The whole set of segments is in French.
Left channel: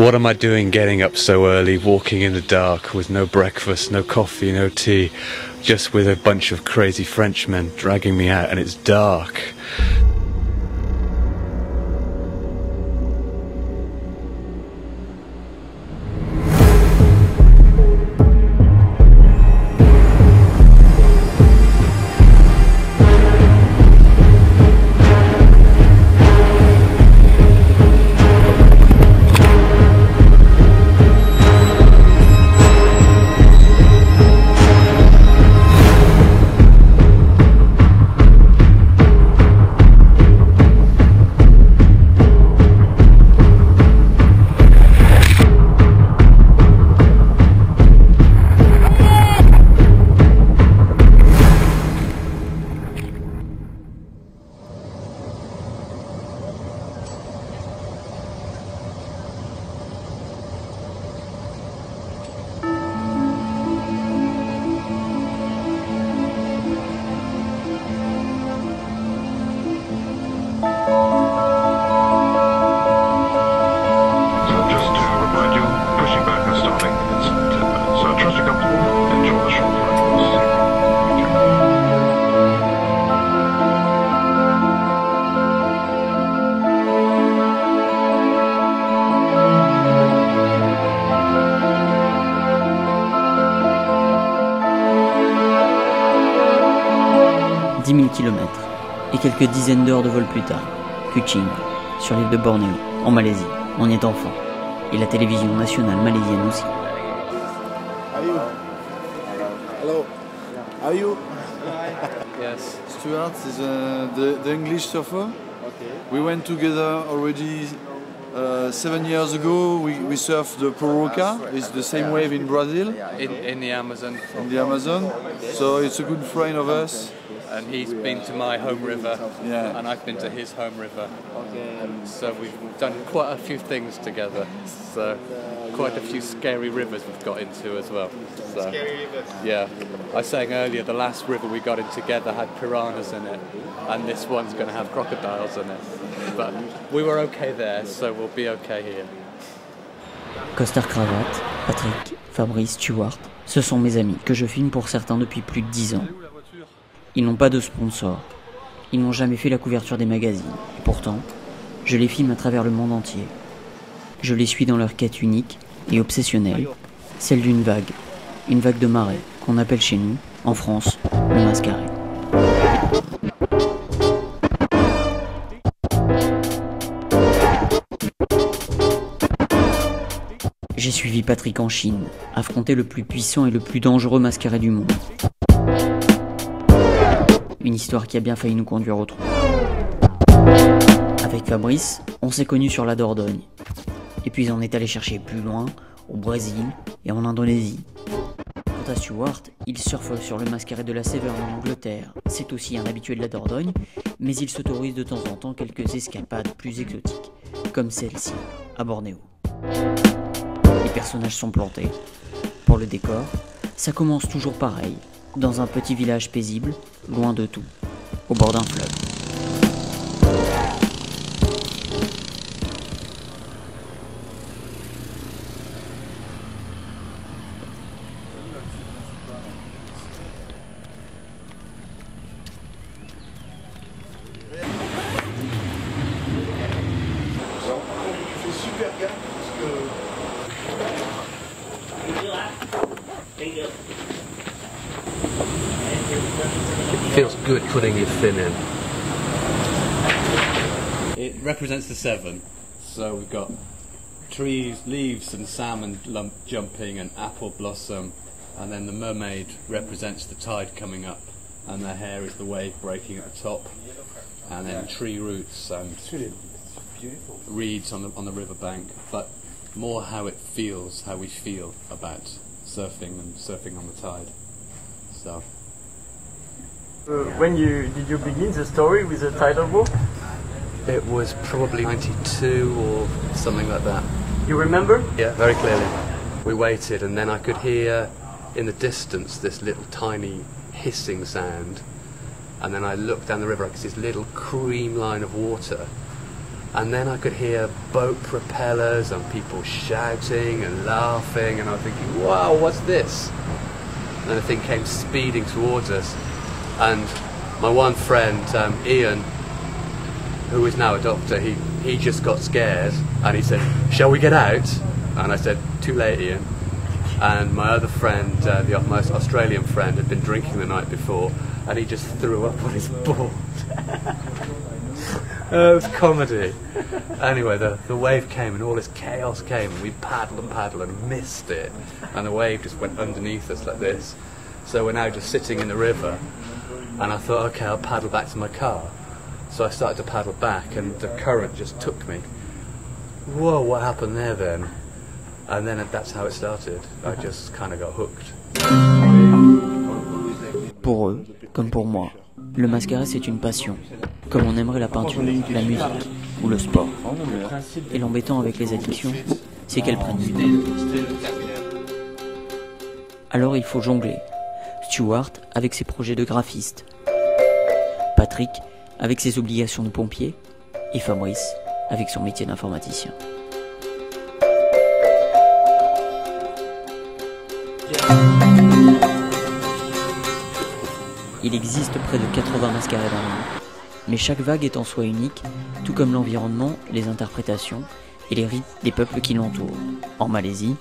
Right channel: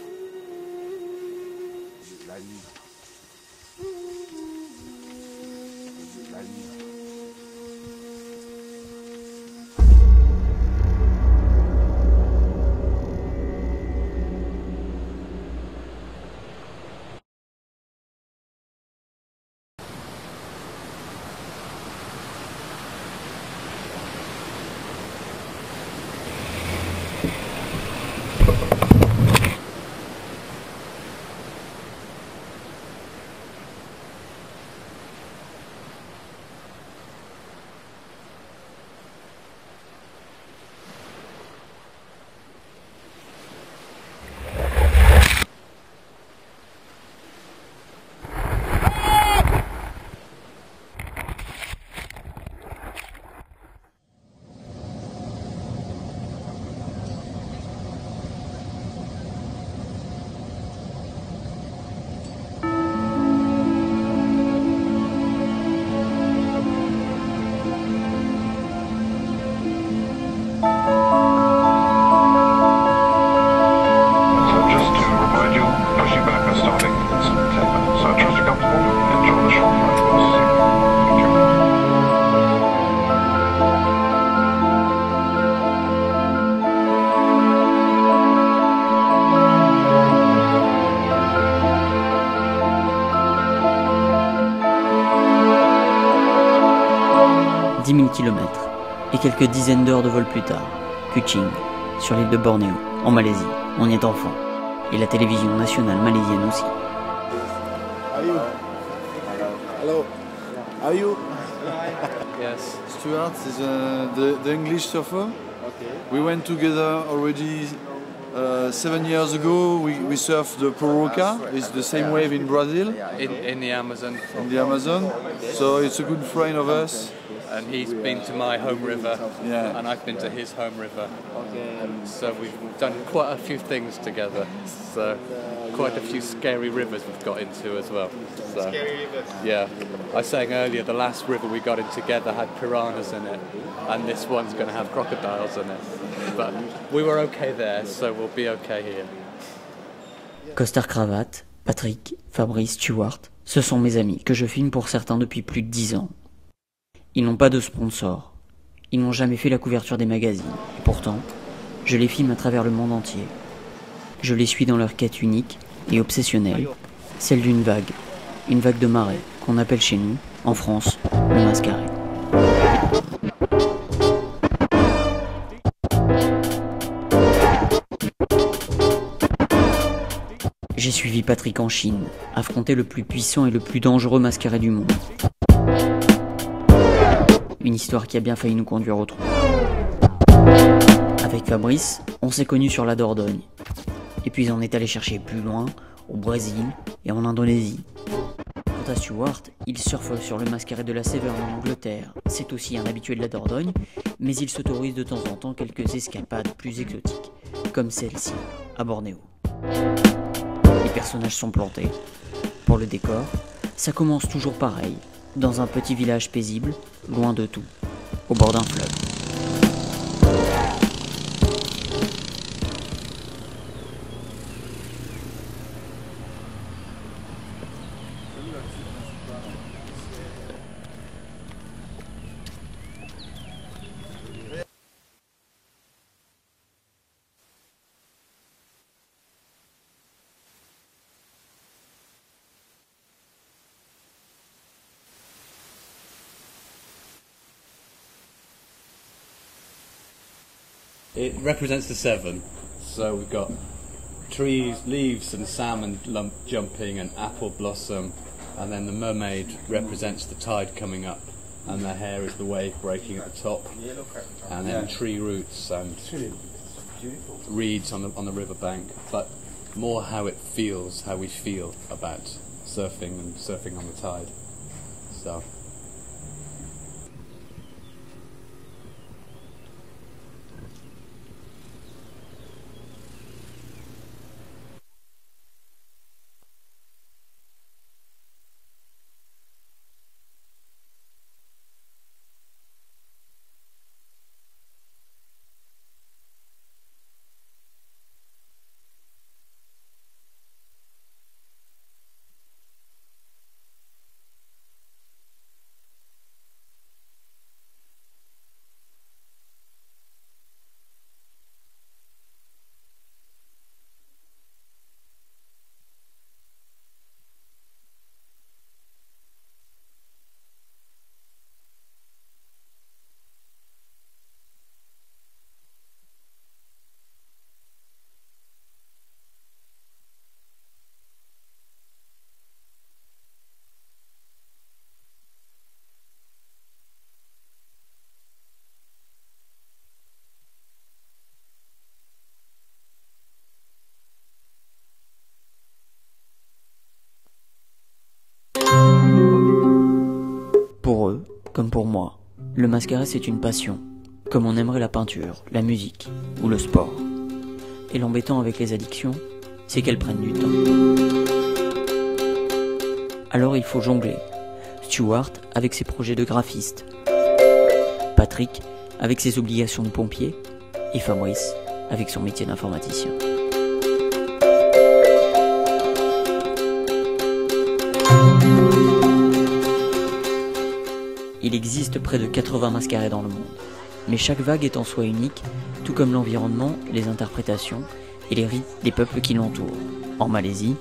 What am I doing getting up so early, walking in the dark with no breakfast, no coffee, no tea, just with a bunch of crazy Frenchmen dragging me out, and it's dark. –10 000 km et quelques dizaines d'heures de vol plus tard, Kuching, sur l'île de Bornéo, en Malaisie, on y est enfin. Et la télévision nationale malaisienne aussi. Are you? Hello. Are you? Yes. Stuart is the English surfer. Okay. We went together already 7 years ago. We surfed the Poroca. It's the same wave in Brazil. In the Amazon. In the Amazon. So it's a good friend of us. And he's been to my home river, Yeah. and I've been to his home river. So we've done quite a few things together. So quite a few scary rivers we've got into as well. So, scary rivers? Yeah. I was saying earlier, the last river we got in together had piranhas in it, and this one's going to have crocodiles in it. But we were okay there, so we'll be okay here. Costard Cravate, Patrick, Fabrice, Stuart, ce sont mes amis que je filme pour certains depuis plus de 10 ans. Ils n'ont pas de sponsor, ils n'ont jamais fait la couverture des magazines, et pourtant, je les filme à travers le monde entier. Je les suis dans leur quête unique et obsessionnelle, celle d'une vague, une vague de marée, qu'on appelle chez nous, en France, le mascaret. J'ai suivi Patrick en Chine, affronter le plus puissant et le plus dangereux mascaret du monde. Une histoire qui a bien failli nous conduire au trou. Avec Fabrice, on s'est connus sur la Dordogne. Et puis on est allé chercher plus loin, au Brésil et en Indonésie. Quant à Stuart, il surfe sur le mascaret de la Severn en Angleterre. C'est aussi un habitué de la Dordogne, mais il s'autorise de temps en temps quelques escapades plus exotiques, comme celle-ci, à Bornéo. Les personnages sont plantés. Pour le décor, ça commence toujours pareil, dans un petit village paisible, loin de tout, au bord d'un fleuve. Feels good putting your fin in. It represents the Severn. So we've got trees, leaves and salmon jumping and apple blossom, and then the mermaid represents the tide coming up, and the hair is the wave breaking at the top, and then tree roots and reeds on the riverbank, but more how it feels, how we feel about surfing and surfing on the tide. So. When did you begin the story with the title book? It was probably 92 or something like that. You remember? Yeah, very clearly. We waited, and then I could hear in the distance this little tiny hissing sound, and then I looked down the river, I could see this little cream line of water, And then I could hear boat propellers and people shouting and laughing, and I was thinking, wow, what's this? And the thing came speeding towards us, and my one friend, Ian, who is now a doctor, he just got scared, and he said, shall we get out? And I said, too late, Ian. And my other friend, the most Australian friend, had been drinking the night before, and he just threw up on his board. It was comedy. Anyway, the wave came and all this chaos came, and we paddled and missed it, and the wave just went underneath us like this. So we're now just sitting in the river, and I thought, okay, I'll paddle back to my car. So I started to paddle back, and the current just took me. Whoa, what happened there then? And then that's how it started. I just kind of got hooked. Pour eux, comme pour moi, le mascaret c'est une passion, comme on aimerait la peinture, la musique ou le sport. Et l'embêtant avec les addictions, c'est qu'elles prennent du temps. Alors il faut jongler. Stuart avec ses projets de graphiste, Patrick avec ses obligations de pompier, et Fabrice avec son métier d'informaticien. Il existe près de 80 mascarets dans le monde, mais chaque vague est en soi unique, tout comme l'environnement, les interprétations et les rites des peuples qui l'entourent. En Malaisie,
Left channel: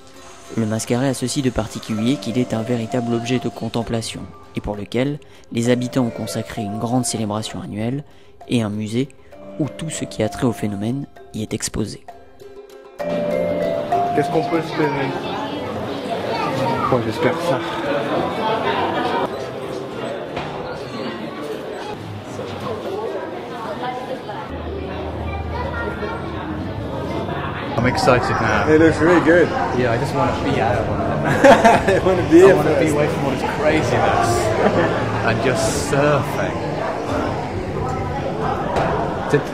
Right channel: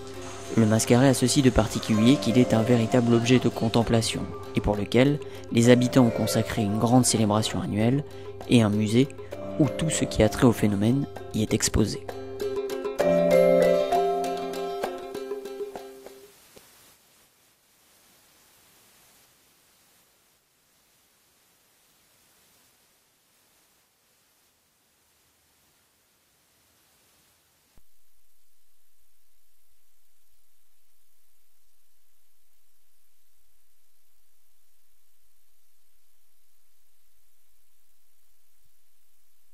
le mascaret a ceci de particulier qu'il est un véritable objet de contemplation, et pour lequel les habitants ont consacré une grande célébration annuelle et un musée où tout ce qui a trait au phénomène y est exposé. Qu'est-ce qu'on peut espérer? Moi j'espère ça. I'm excited now. It looks really good. Yeah, I just want to be out on it. I want to be I here want to be first. away from all this craziness and just surfing.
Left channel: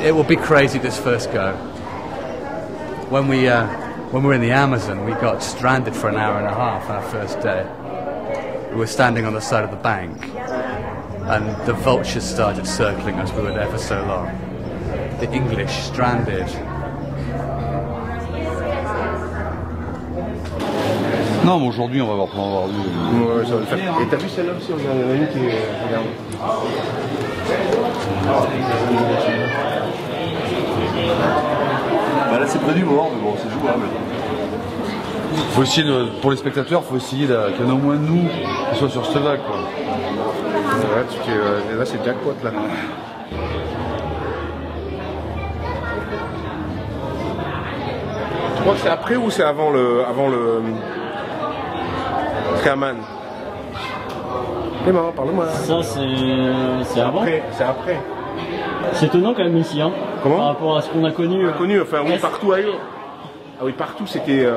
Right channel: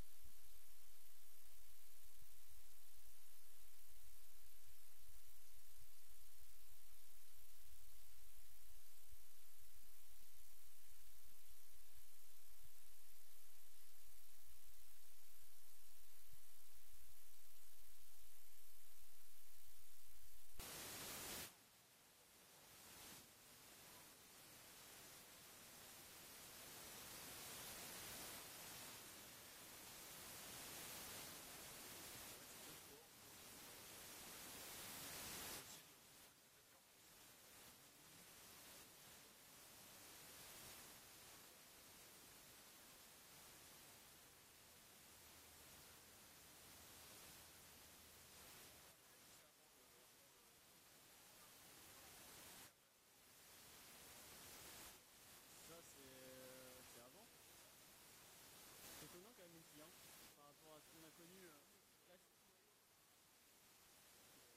It will be crazy this first go. When we were in the Amazon, we got stranded for an hour and a half on our first day. We were standing on the side of the bank, and the vultures started circling us. We were there for so long. The English stranded. Non, mais aujourd'hui, on va voir vu. Ouais, ça va le faire. Et t'as vu celle-là aussi? Il y en a une qui est... Regarde. Bah là, c'est près du bord, mais bon, c'est jouable. Faut essayer pour les spectateurs, faut essayer qu'il y en ait au moins de nous qui soient sur cette vague, quoi. Ouais, là, c'est jackpot, là. Tu crois que c'est après ou c'est avant le Triaman? Eh maman, parle-moi. Ça, c'est avant. C'est après. C'est étonnant quand même ici, hein. Comment? Par rapport à ce qu'on a connu. Connu, enfin oui, partout ailleurs. Ah oui, partout c'était,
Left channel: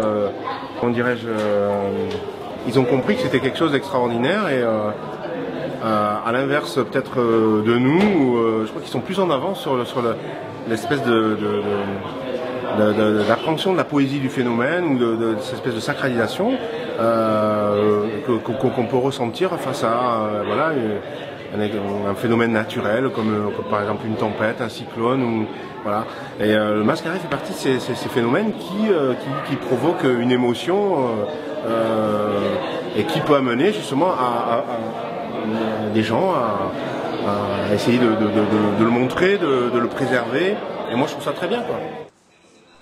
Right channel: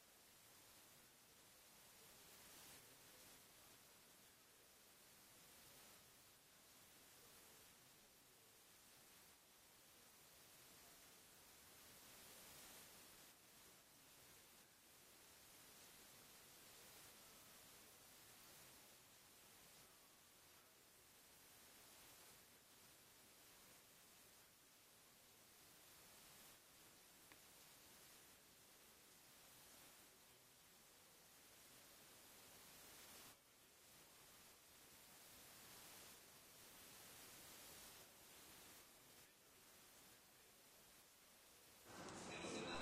comment dirais-je, ils ont compris que c'était quelque chose d'extraordinaire et à l'inverse peut-être de nous, je crois qu'ils sont plus en avance sur l'espèce d'appréhension de la poésie du phénomène ou de cette espèce de sacralisation qu'on peut ressentir face à voilà, un phénomène naturel comme par exemple une tempête, un cyclone ou voilà. Et le mascaret fait partie de ces phénomènes qui provoquent une émotion et qui peut amener justement à des gens à essayer de le montrer, de le préserver. Et moi je trouve ça très bien, quoi.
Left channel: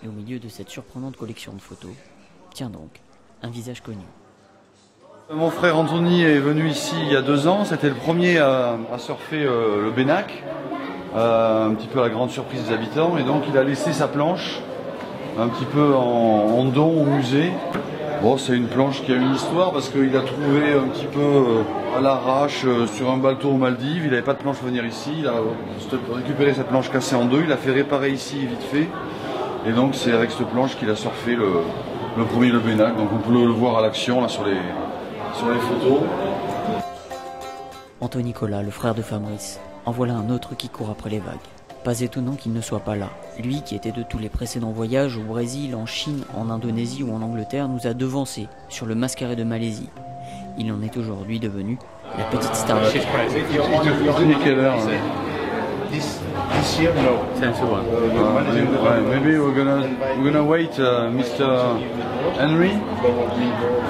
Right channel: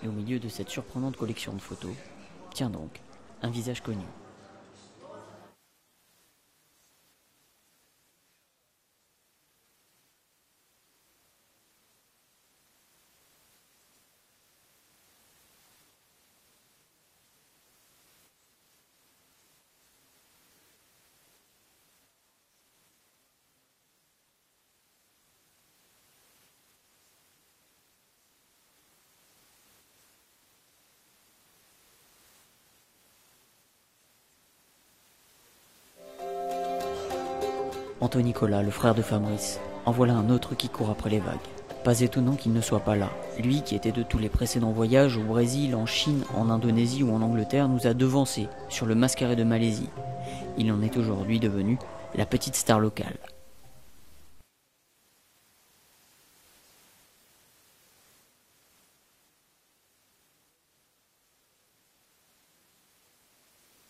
Et au milieu de cette surprenante collection de photos, tiens donc, un visage connu. Mon frère Anthony est venu ici il y a 2 ans, c'était le premier à surfer le Bénac, un petit peu à la grande surprise des habitants, et donc il a laissé sa planche un petit peu en don au musée. Bon, c'est une planche qui a une histoire parce qu'il a trouvé un petit peu à l'arrache sur un bateau aux Maldives, il n'avait pas de planche pour venir ici, il a récupéré cette planche cassée en 2, il l'a fait réparer ici vite fait, et donc c'est avec cette planche qu'il a surfé le premier le Bénac, donc on peut le voir à l'action là sur les photos. Anthony Nicolas, le frère de Fabrice, en voilà un autre qui court après les vagues. Pas étonnant qu'il ne soit pas là. Lui qui était de tous les précédents voyages au Brésil, en Chine, en Indonésie ou en Angleterre nous a devancés sur le mascaret de Malaisie. Il en est aujourd'hui devenu la petite star locale. this year, no. Maybe we're gonna wait Mr. Henry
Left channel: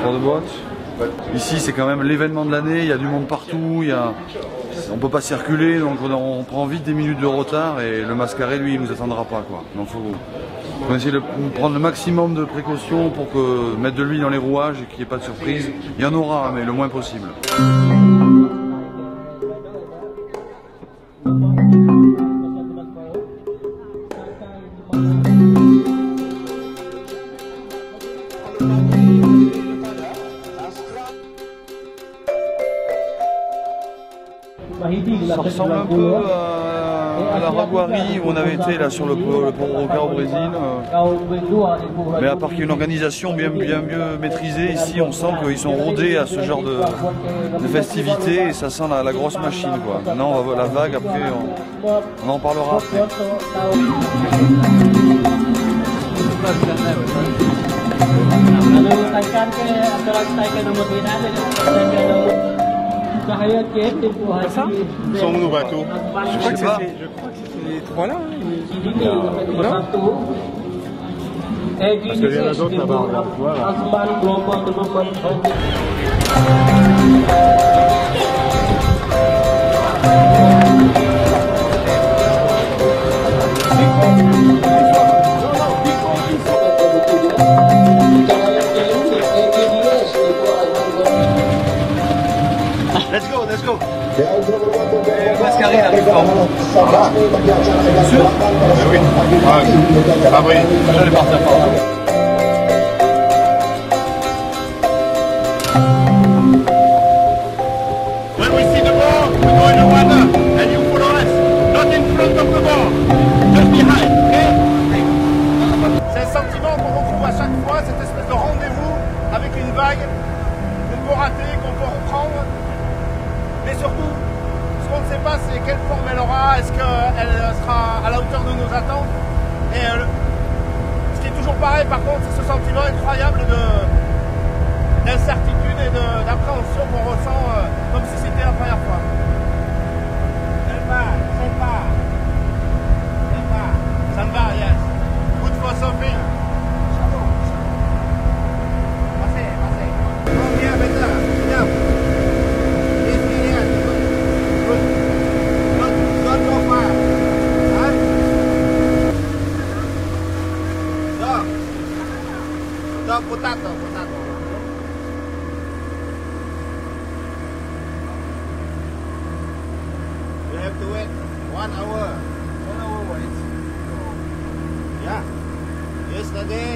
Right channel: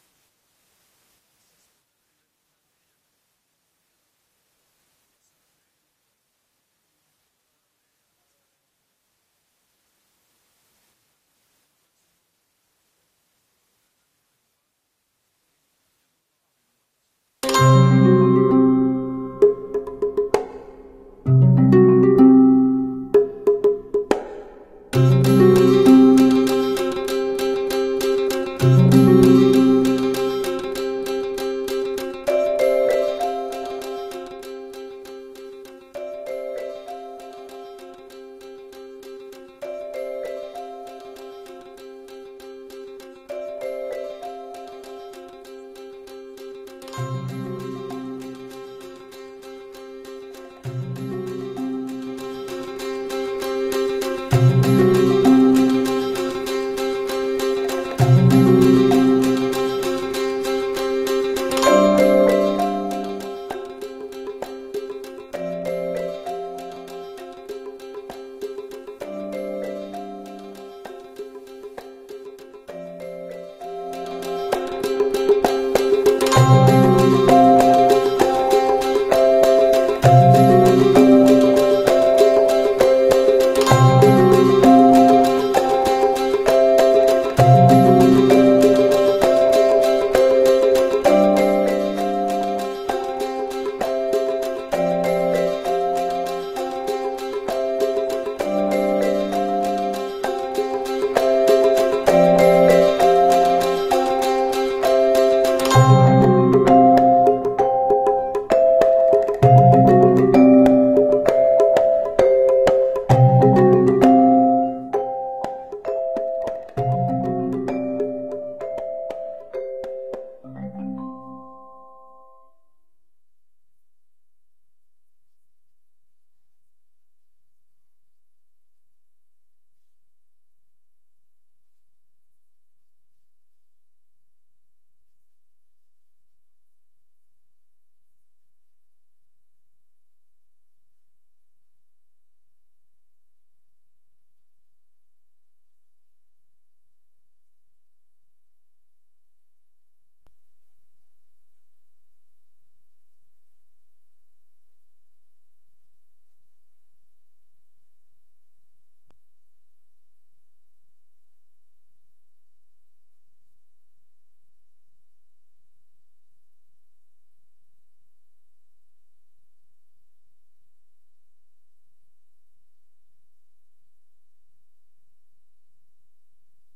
for the boat. Ici c'est quand même l'événement de l'année, il y a du monde partout, on peut pas circuler donc on prend vite des minutes de retard et le mascaré lui il nous attendra pas quoi. Donc faut essayer de prendre le maximum de précautions pour mettre de l'huile dans les rouages et qu'il n'y ait pas de surprise. Il y en aura mais le moins possible. Ça ressemble un peu à la Raguari où on avait été là sur le port Roca au Brésil. Mais à part qu'il y a une organisation bien mieux maîtrisée, ici on sent qu'ils sont rodés à ce genre de festivités et ça sent la grosse machine quoi. Maintenant on va voir la vague, après on en parlera après. Sont où nos bateaux? Je sais pas. Les trois là. Parce qu'il y en a d'autres là-bas, regarde, voilà. C'est quelle forme elle aura, est-ce qu'elle sera à la hauteur de nos attentes. Et ce qui est toujours pareil par contre, c'est ce sentiment incroyable d'incertitude et d'appréhension qu'on ressent comme si c'était la première fois. Ça me va, yes. Good for something. Passez. Oh, bien, bien. Potato. You have to wait 1 hour. 1 hour wait. Yeah. Yesterday,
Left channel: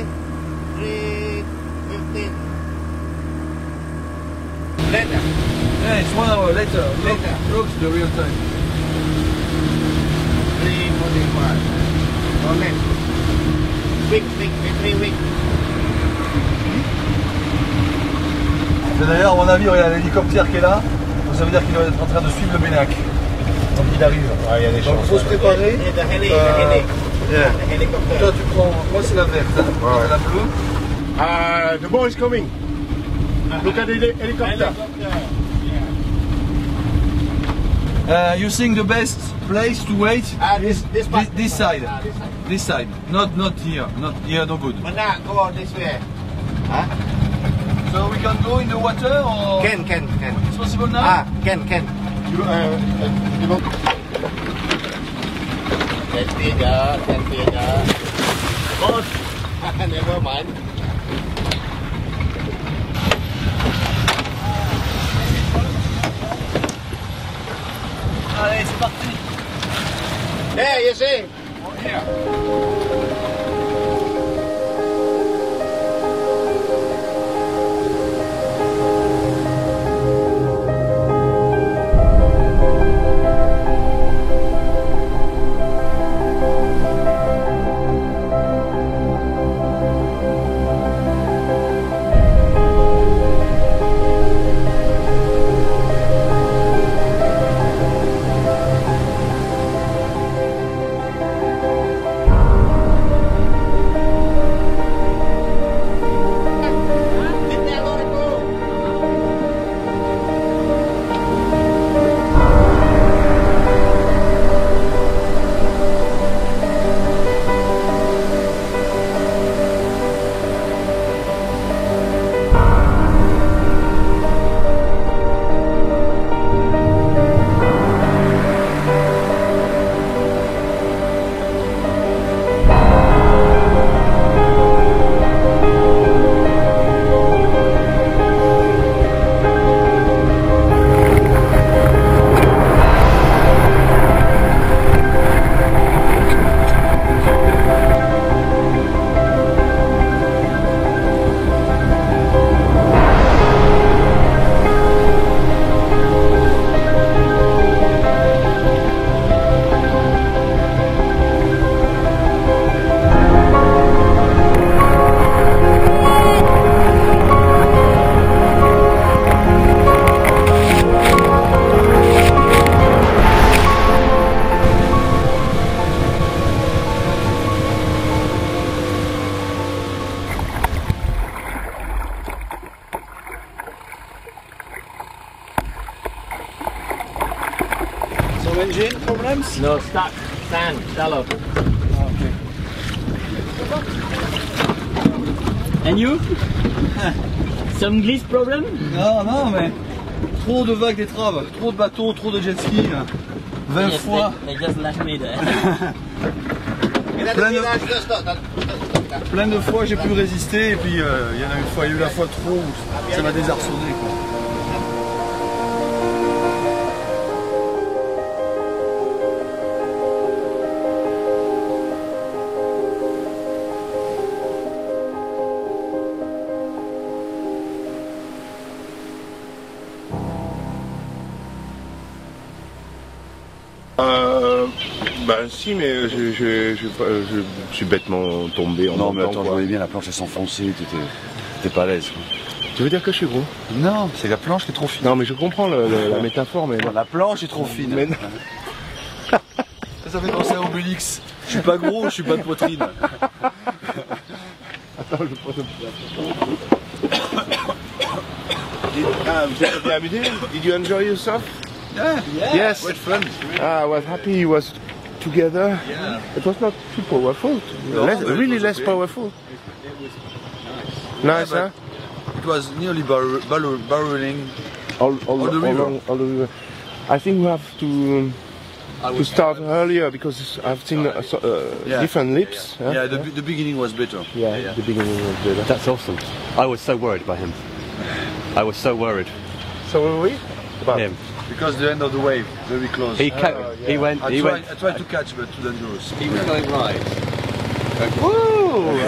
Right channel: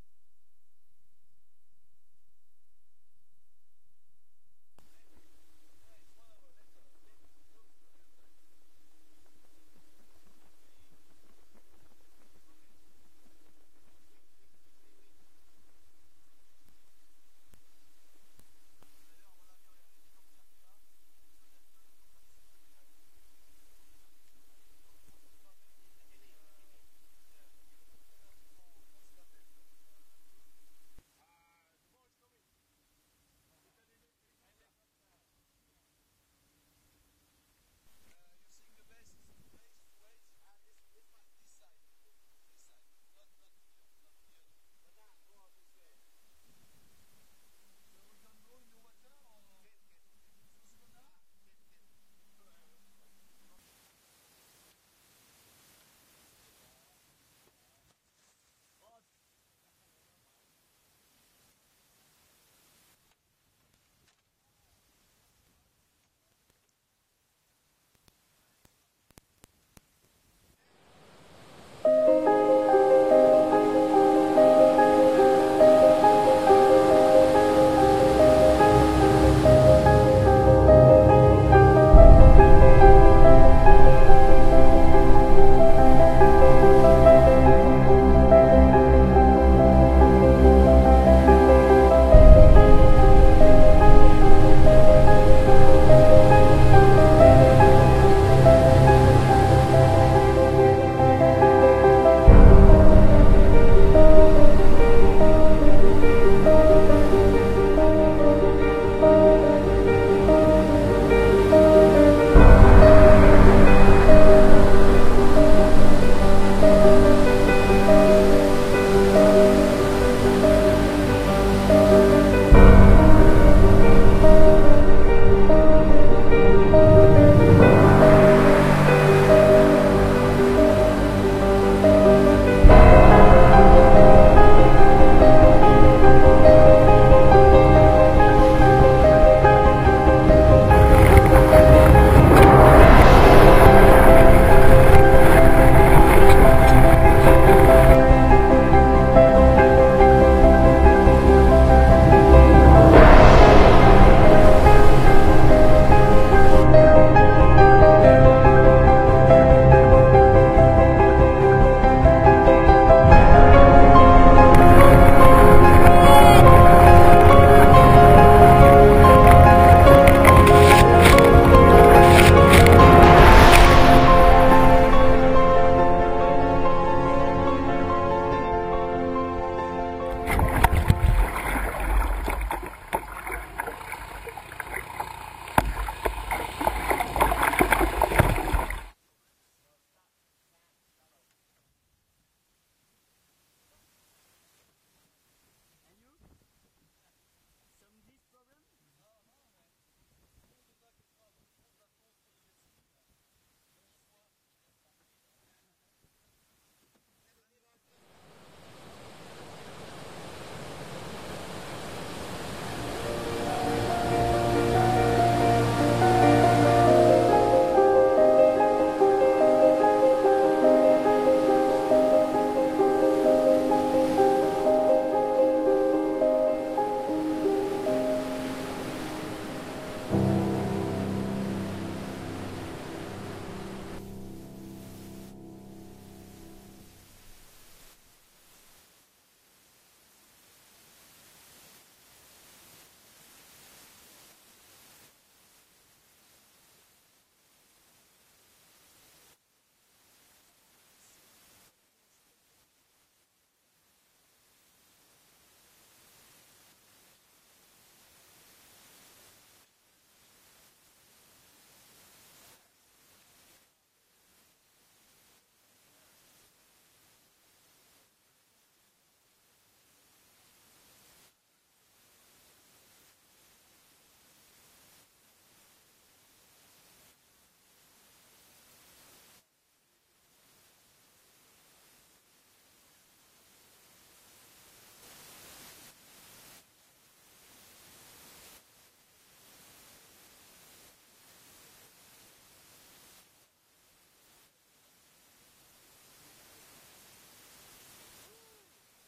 3:15. Later. Yeah, it's 1 hour later. Look the real time. 3:45. No less. Week, 3 weeks. D'ailleurs, à mon avis, il y a l'hélicoptère qui est là, donc ça veut dire qu'il doit être en train de suivre le Bénac. Donc il arrive. Ouais, il y a des chances. Donc il faut se préparer. Hélicoptère. Toi, tu prends. Moi, c'est la verte. Ouais. La bleue. The boat is coming. Look at the helicopter. You think the best place to wait? This side. This side. Not here. Not here. No good. But now go this way. Huh? So we can go in the water or? Can. It's possible now? Can. You don't. Can. Boss. Never mind. Allez, c'est parti. Hey, you see? Here. No, stuck. Sand, shallow. Okay. And you? Some glitch problem? Non, non, mais trop de vagues d'étraves, trop de bateaux, trop de jet ski. 20 fois. They just left me there. Plein de fois j'ai pu résister et puis il y en a une fois, il y a eu la fois trop où ça m'a désarçonné. Bah si, mais je suis bêtement tombé en Non mais montant, attends, je quoi. voyais bien la planche elle s'enfonçait, t'étais pas à l'aise. Quoi. Tu veux dire que je suis gros? Non, c'est la planche qui est trop fine. Non mais je comprends la métaphore, mais La planche est trop fine. Mais non. Ça fait penser à Obélix. Je suis pas gros, je suis pas de poitrine. Attends, je prends vous êtes bien amusé? Did you enjoy yourself? Yeah, Yes. great fun. I was happy it was together. Yeah. It was not too powerful. No, Really it was less okay. powerful. Nice, Yeah, huh? It was nearly barreling. All the river. all the river. I think we have to start earlier because I've seen Yeah. different lips. huh? Yeah, the beginning was better. Yeah, the beginning was better. That's awesome. I was so worried by him. I was so worried. So were we? About Him. Because the end of the wave, very close. He went. I He went. tried to catch, but too dangerous. He was going right. Woo!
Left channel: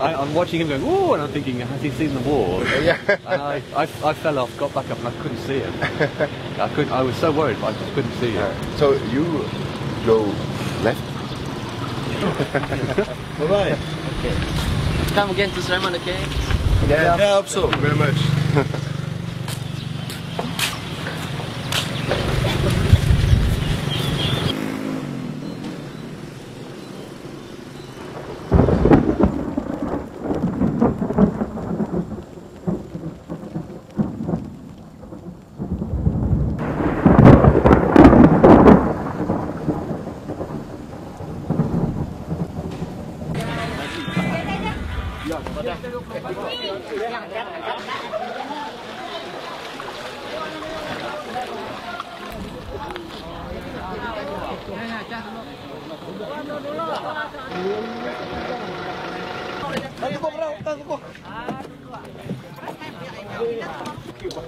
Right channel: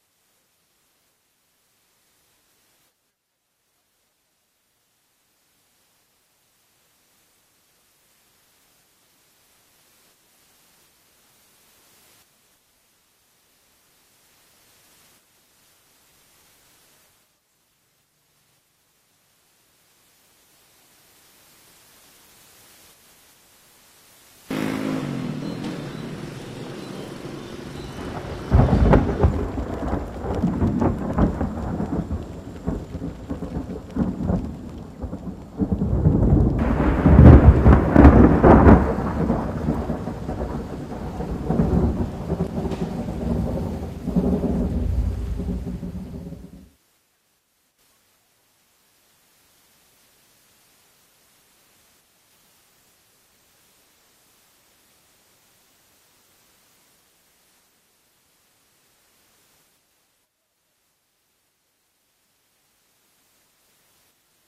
I'm watching him going, whoa, and I'm thinking, has he seen the wall? Yeah. And I fell off, got back up, and I couldn't see him. I was so worried, but I just couldn't see him. So you go left. Bye-bye. Come again to Simon, okay? Yeah, I hope so. Very much.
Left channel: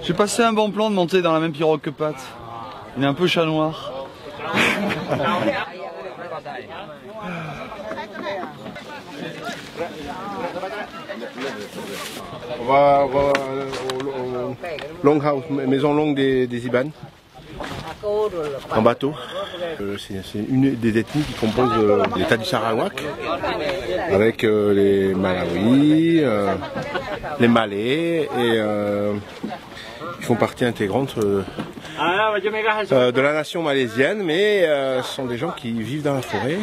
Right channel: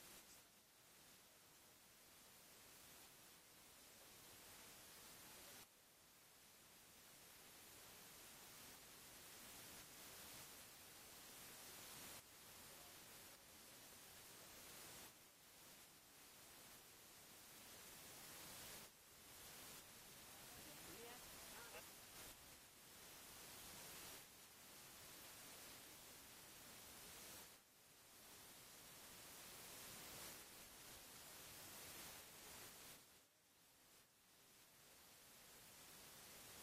J'ai passé un bon plan de monter dans la même pirogue que Pat. Il est un peu chat noir. On va au Longhouse, maison longue des Iban, en bateau. C'est une des ethnies qui composent l'État du Sarawak, avec les Malawis, les Malais, et ils font partie intégrante de la nation malaisienne, mais ce sont des gens qui vivent dans la forêt.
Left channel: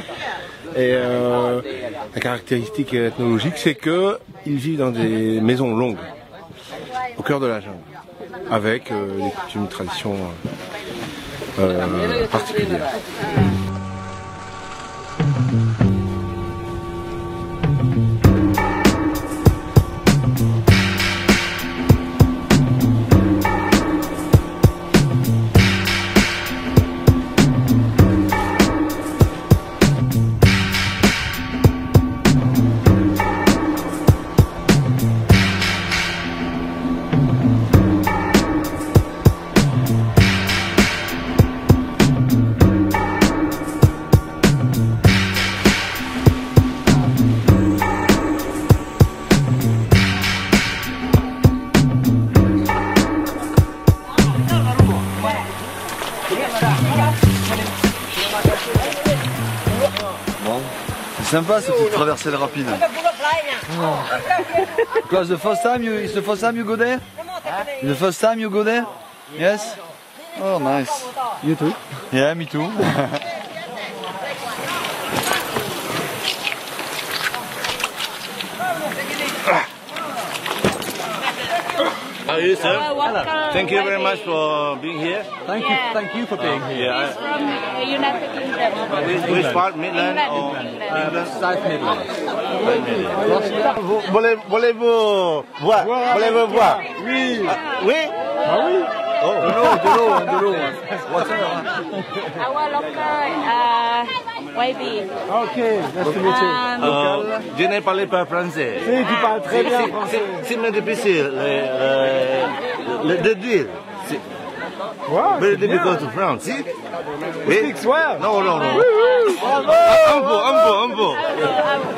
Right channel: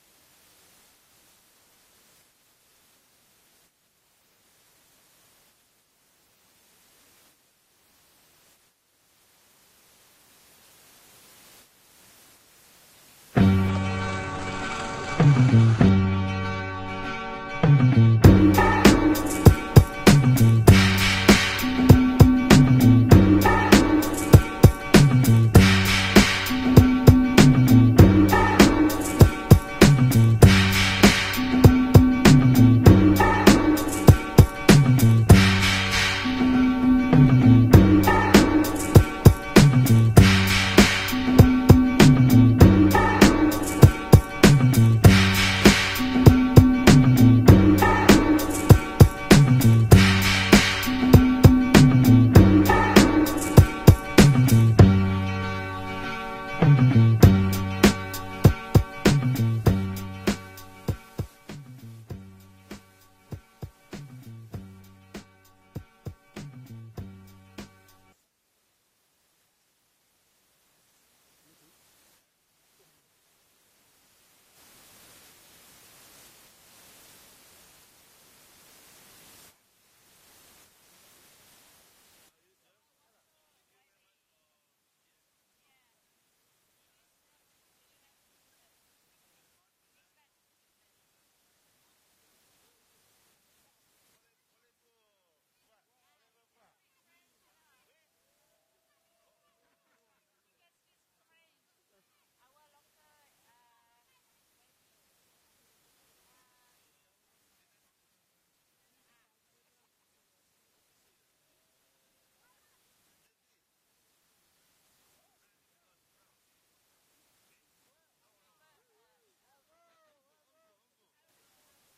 Et la caractéristique ethnologique, c'est qu'ils vivent dans des maisons longues, au cœur de la jungle, avec des coutumes, traditions particulières. C'est sympa cette petite traversée rapide. Because the first time it's the first time you go there? The first time you go there? Yes? Oh nice. You too? Yeah, me too. you, sir? Thank you very much for being here. Thank you for being here. Yeah. From United Kingdom. Which part, Midland or South Midlands. Voulez-vous voir? Voulez-vous voir? Oui. Oui? Ah oui. Oh. De l'eau. Water. Our local YB. Ok, nice to meet you. Je ne parle pas français. Si, tu parles très bien français. C'est difficile de dire. Wow, Very c'est bien. difficult to pronounce. See? Speak well. Non. Un peu.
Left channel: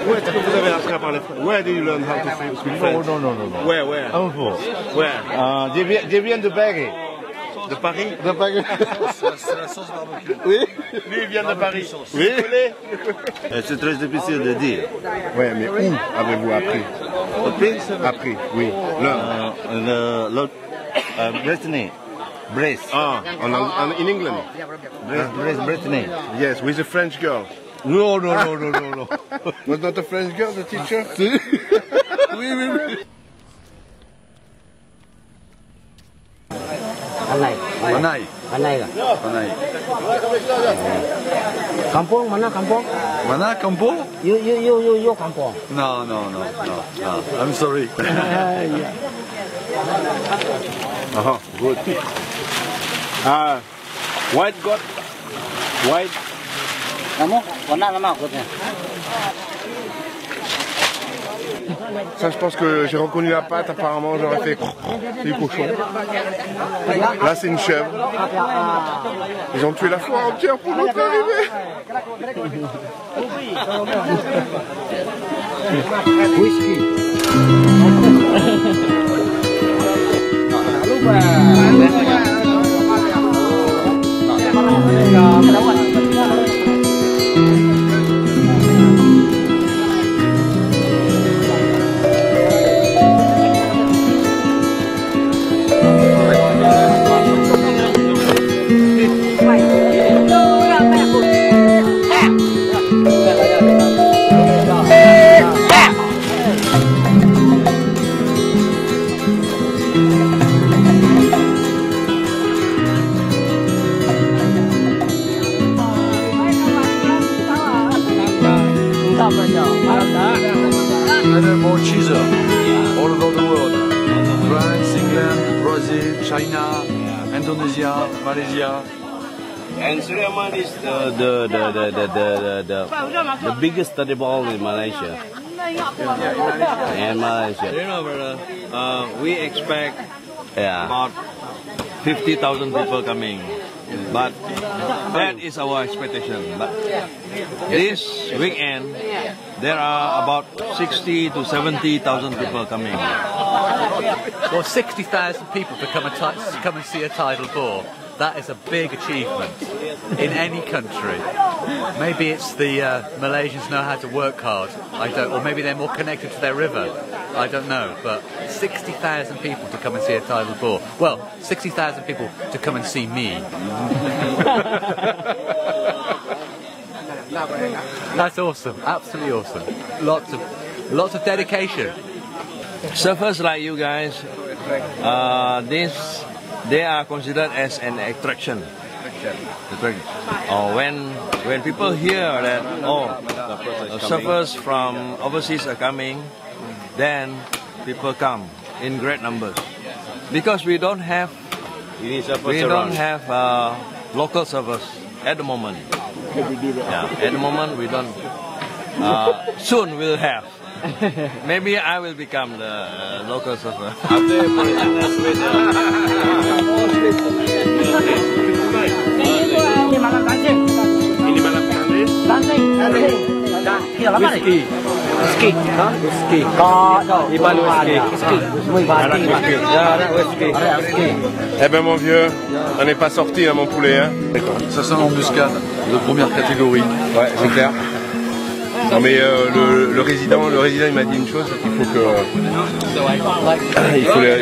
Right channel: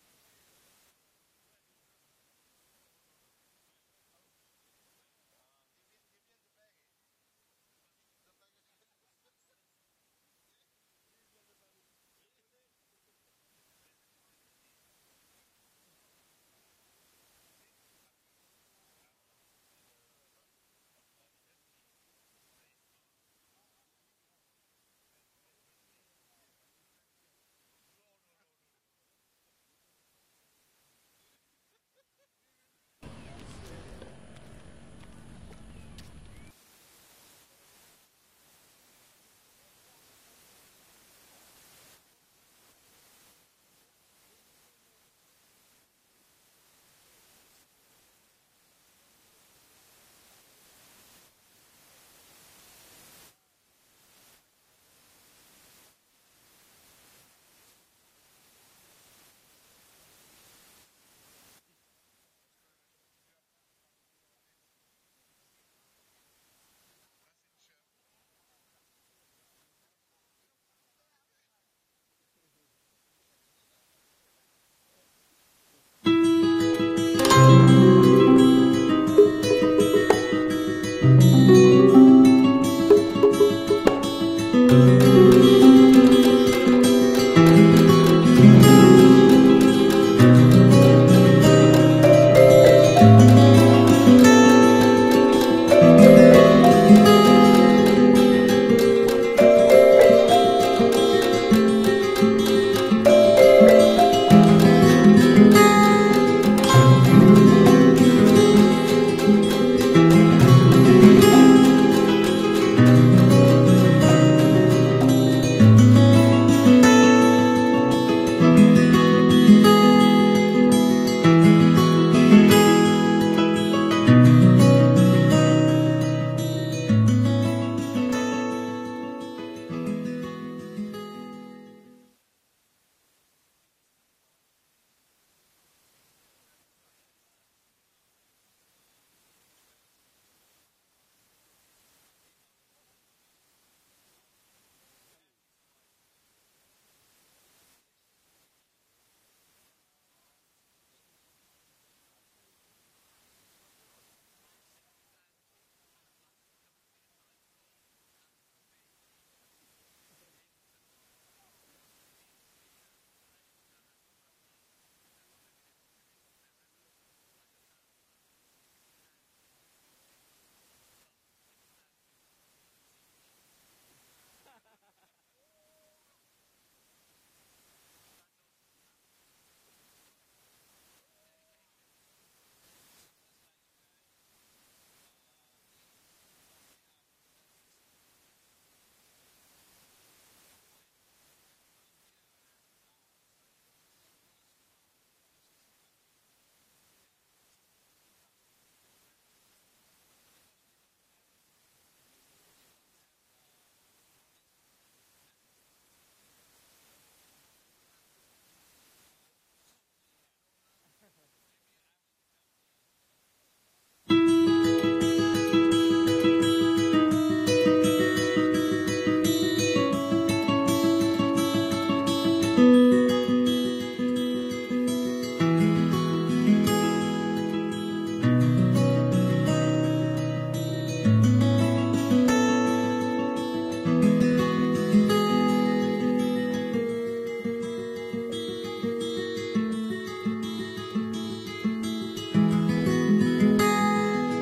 Où est-ce que vous avez appris à parler français? Where do you learn how to speak French? Non. Where? Un peu. Where? Je viens de Paris. De Paris? De Paris. C'est la sauce barbecue. Oui. Lui, il vient de Paris. Oui. C'est très difficile de dire. Ouais, mais où avez-vous appris? Appris, oui. L'autre, Brittany. Brace. In England? Brittany. Yes, with a French girl. No. Was not a French girl, the teacher? Oui. Panay. Kampung mana kampung? Mana, Campo? You kampung. No. I'm sorry. Good. White goat. White. Kamu warna nama akutnya. Ça, je pense que j'ai reconnu la patte. Apparemment, j'aurais fait c'est du cochon. Là, c'est une chèvre. Ils ont tué la foire entière pour notre arrivée. And Suriaman is the biggest study ball in Malaysia. In Malaysia. You know, brother, we expect Yeah. about 50,000 people coming. But that is our expectation. But this weekend, there are about 60 to 70,000 people coming. Well, 60,000 people to come and see a tidal bore. That is a big achievement in any country. Maybe it's the Malaysians know how to work hard. Or maybe they're more connected to their river. I don't know. But 60,000 people to come and see a tidal bore. Well, 60,000 people to come and see me. That's awesome. Absolutely awesome. Lots of dedication. Surfers like you guys, they are considered as an attraction. When people hear that surfers from overseas are coming, then people come in great numbers because we don't have local surfers at the moment. Yeah, at the moment we don't. Soon we'll have. Maybe I will become the local surfer. Eh ben mon vieux, on n'est pas sorti mon poulet. Hein. Ça sent l'embuscade de première catégorie. Ouais, c'est clair. Non mais le résident il m'a dit une chose, il faut que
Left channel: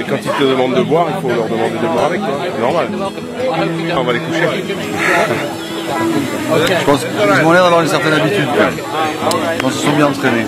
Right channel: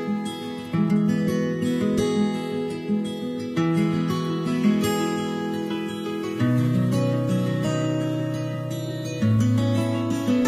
quand ils te demandent de boire, il faut leur demander de boire avec toi. C'est normal. On va les coucher. Je pense qu'ils ont l'air d'avoir une certaine habitude. Je pense qu'ils sont bien entraînés.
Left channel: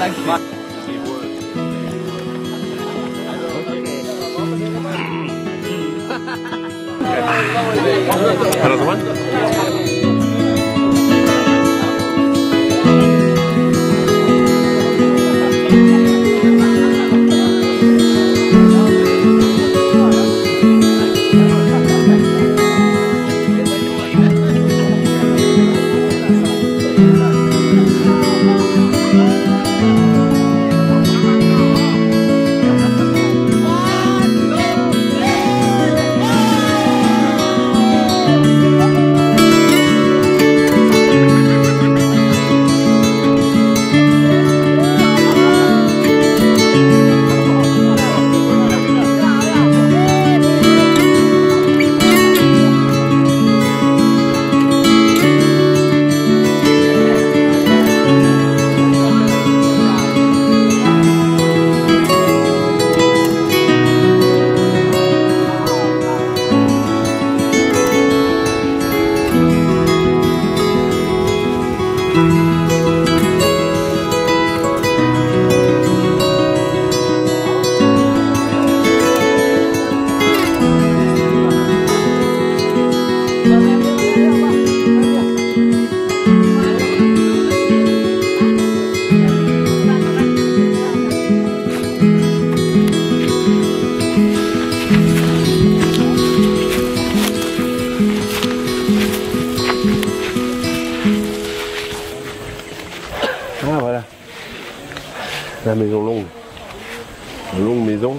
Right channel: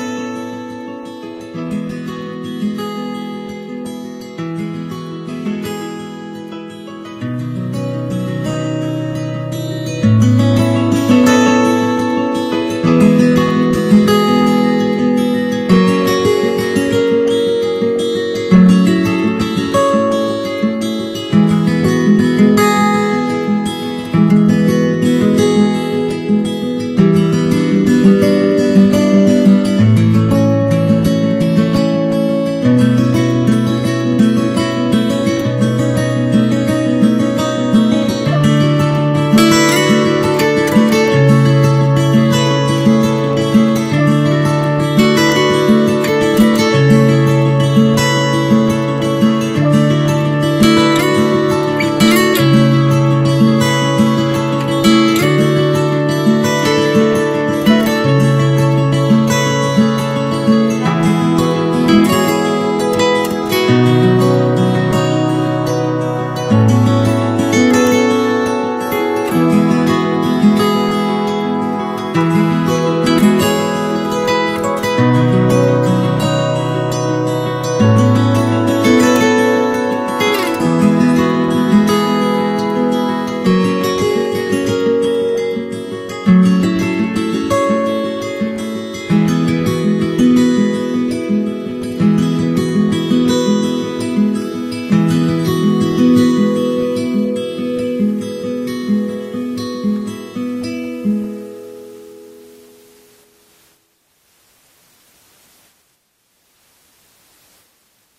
Une longue maison.